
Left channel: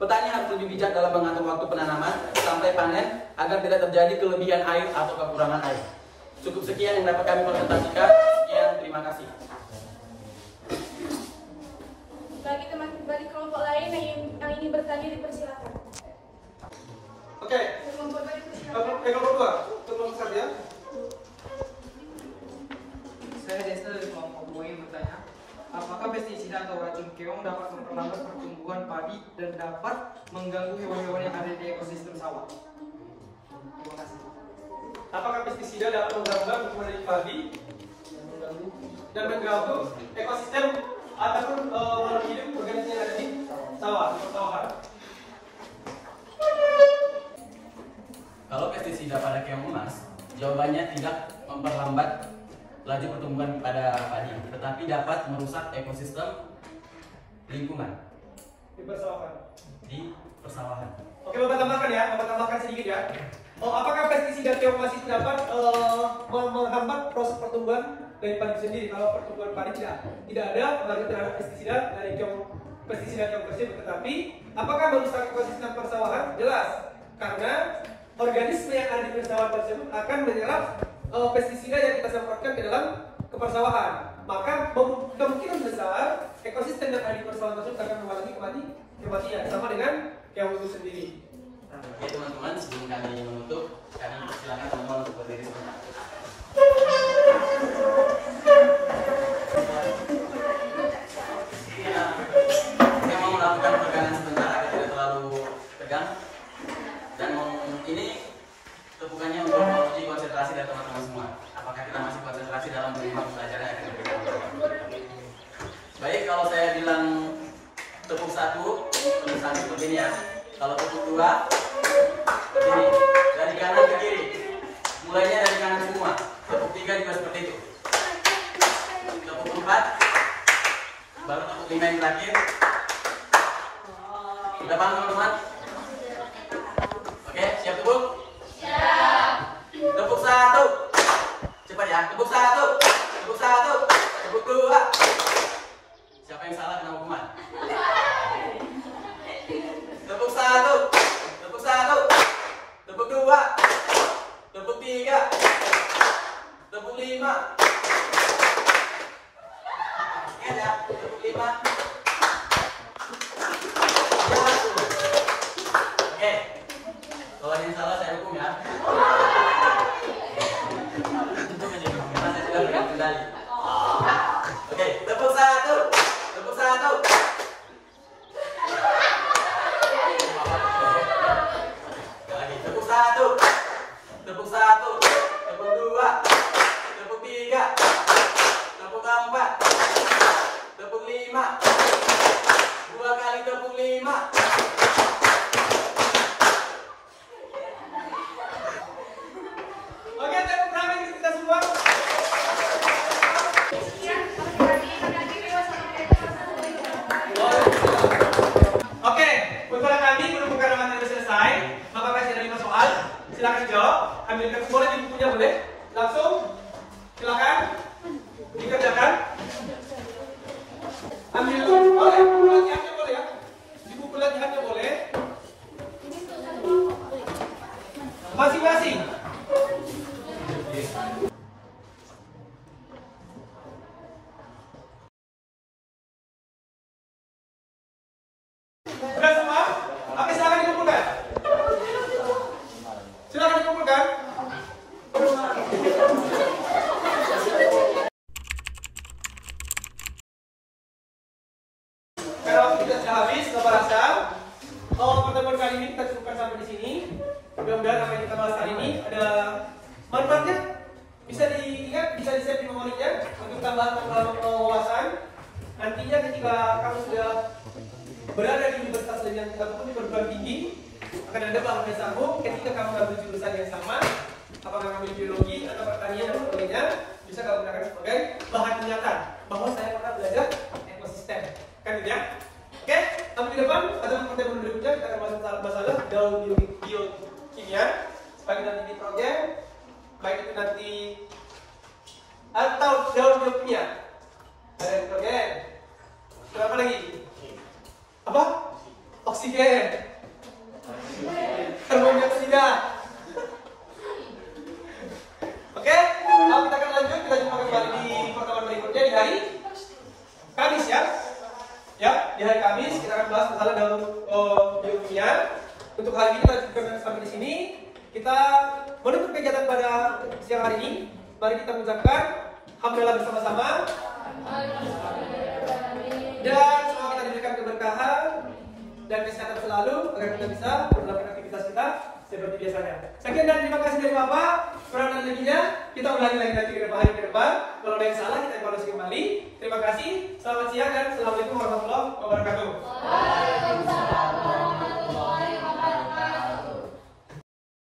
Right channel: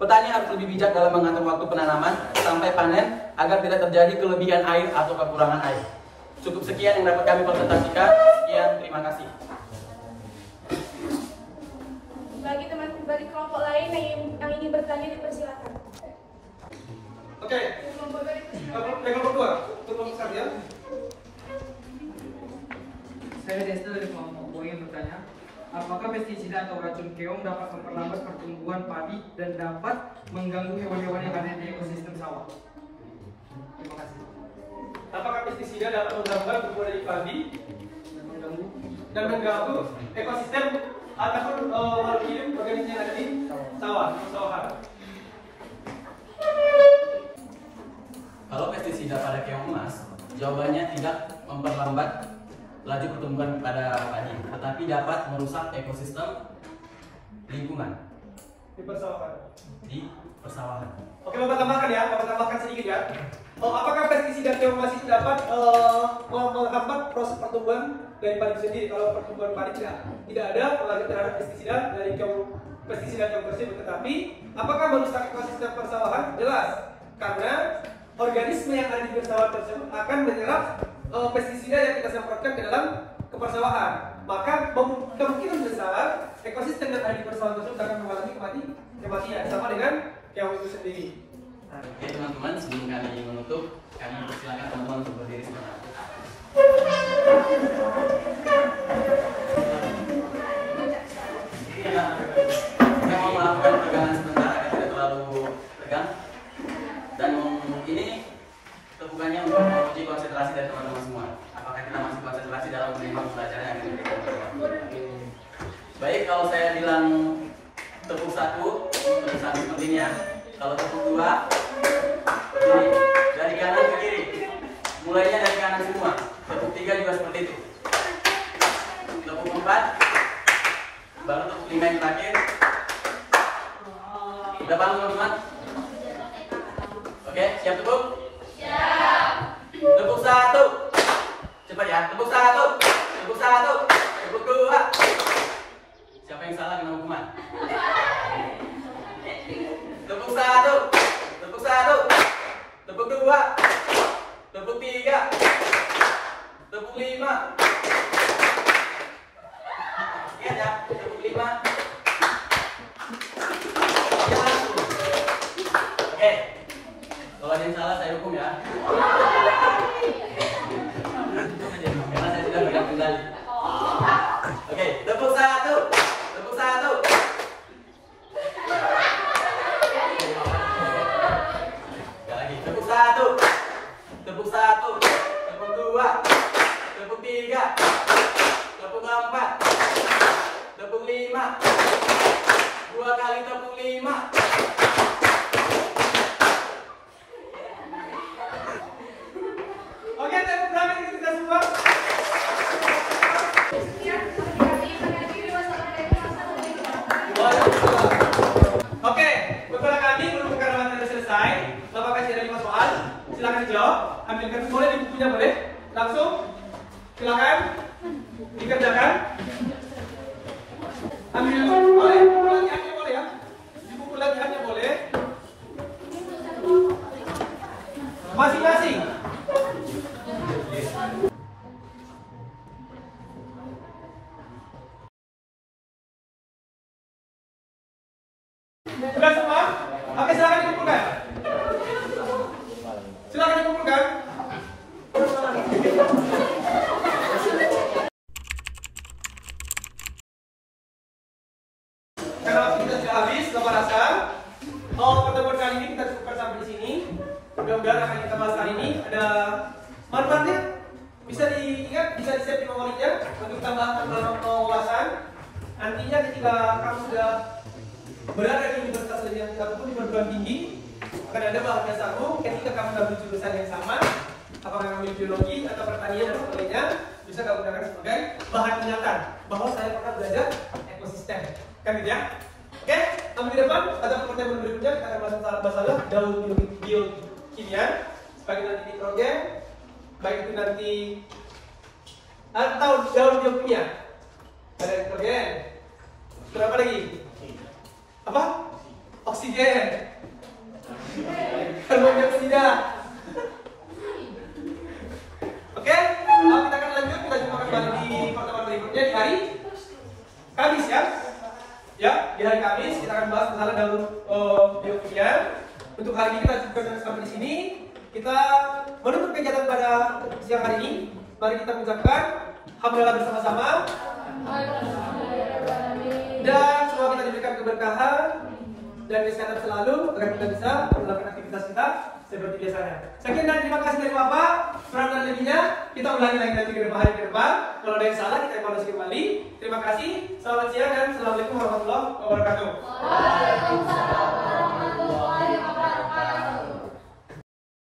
Petani harus lebih bijak dalam mengatur waktu penanaman sampai panen agar tidak terjadi kelebihan air atau kekurangan air. Cukup sekian yang dapat kami presentasikan. Sekian, terima kasih. Bagi teman-teman dari kelompok lain yang ingin bertanya dipersilakan. Oke. Kelompok 2, untuk kelompok 1 ya. Saya Desta dari kelompok 2 ingin bertanya, apakah pestisida atau racun keong dapat memperlambat pertumbuhan padi dan dapat mengganggu hewan-hewan yang ada di ekosistem sawah? Terima kasih. Apakah pestisida dapat mengganggu pertumbuhan padi dan mengganggu ekosistem ataupun makhluk hidup organisme yang ada di sawahan? Kalau pestisida pada keong emas, jawabannya tidak memperlambat laju pertumbuhan pada padi, tetapi dapat merusak ekosistem lingkungan Di persawahan. Oke, Bapak tambahkan ya, Bapak tambahkan sedikit ya. Apakah pestisida keong emas itu dapat menghambat proses pertumbuhan dari padi sendiri? Kalau pertumbuhan padi tidak ada pengaruh terhadap pestisida dari pestisida keong tersebut, tetapi apakah merusak ekosistem persawahan? Jelas, karena organisme yang ada di persawahan tersebut akan menyerap pestisida yang kita semprotkan ke dalam persawahan. Maka kemungkinan besar ekosistem yang ada di persawahan tersebut akan mengalami kematian, sama dengan keong itu sendiri. Oke teman-teman, sebelum kami menutup, kami persilakan teman-teman untuk berdiri sebentar. Kita mau melakukan pegangan sebentar agar tidak terlalu tegang. Dan ini tepukannya untuk menguji konsentrasi dari teman-teman semua. Apakah kita masih konsentrasi dalam menerima pembelajaran yang akan kita lakukan? Baik, kalau saya bilang tepuk 1, seperti ini ya. Kalau tepuk 2, ini dari kanan ke kiri. Mulainya dari kanan semua. Tepuk 3 juga seperti itu. Tepuk 4, baru tepuk 5 yang terakhir. Sudah paham teman-teman? Oke, siap tepuk? Siap. Tepuk 1. Cepat ya. Tepuk 1. Tepuk 1. Tepuk 2. Siapa yang salah kena hukuman? Tepuk 1. Tepuk 1. Tepuk 2. Tepuk 3. Tepuk 5. Ingat ya, tepuk 5. Oke. Kalau ada yang salah saya hukum ya. Karena saya sudah berikan kendali. Oke, tepuk 1. Tepuk 1. Lagi, tepuk 1. Tepuk 1. Tepuk 2. Tepuk 3. Tepuk 4. Tepuk 5. 2 kali tepuk 5. Oke, tepuk berapa kita semua? Oke, untuk kami menemukan ramalan sudah selesai. Bapak kasih ada 5 soal. Silakan jawab. Ambil kertas boleh, di bukunya boleh. Langsung. Silakan dikerjakan. Ambil boleh, buku latihannya boleh ya. Di buku latihannya boleh. Masing-masing. Sudah semua? Oke, silakan dikumpulkan. Silakan dikumpulkan. Karena waktu kita sudah habis, Bapak rasa pertemuan kali ini kita cukupkan sampai di sini. Mudah-mudahan apa yang kita bahas hari ini ada manfaatnya. Bisa diingat, bisa di-save di memorinya untuk tambahan wawasan. Nantinya ketika kamu sudah berada di universitas lain yang tidak di perguruan tinggi, akan ada bahan dasarmu ketika kamu mengambil jurusan yang sama, apakah mengambil biologi atau pertanian dan sebagainya, bisa kamu gunakan sebagai bahan pengantar bahwa saya pernah belajar ekosistem, kan gitu ya? Oke, minggu depan atau pertemuan berikutnya kita akan bahas masalah daun biokimia, baik nanti di proyek, baik itu nanti atau daun biokimia, ada proyek, terus apa lagi? Apa? oksigen, karbon dioksida. Oke, kita akan lanjut. Kita jumpa kembali di pertemuan berikutnya di hari Kamis ya. Ya, di hari Kamis kita akan bahas masalah dalam biokimia. Untuk hari ini kita cukupkan sampai di sini. Kita menutup kegiatan pada siang hari ini. Mari kita mengucapkan alhamdulillah bersama-sama. Dan semoga kita diberikan keberkahan dan kesehatan selalu agar kita bisa melakukan aktivitas kita seperti biasanya. Sekian dan terima kasih dari Bapak. Kurang dan lebihnya kita ulangi lagi nanti ke depan hari ke depan. Kalau ada yang salah kita evaluasi kembali. Terima kasih. Selamat siang dan assalamualaikum warahmatullahi wabarakatuh. Waalaikumsalam.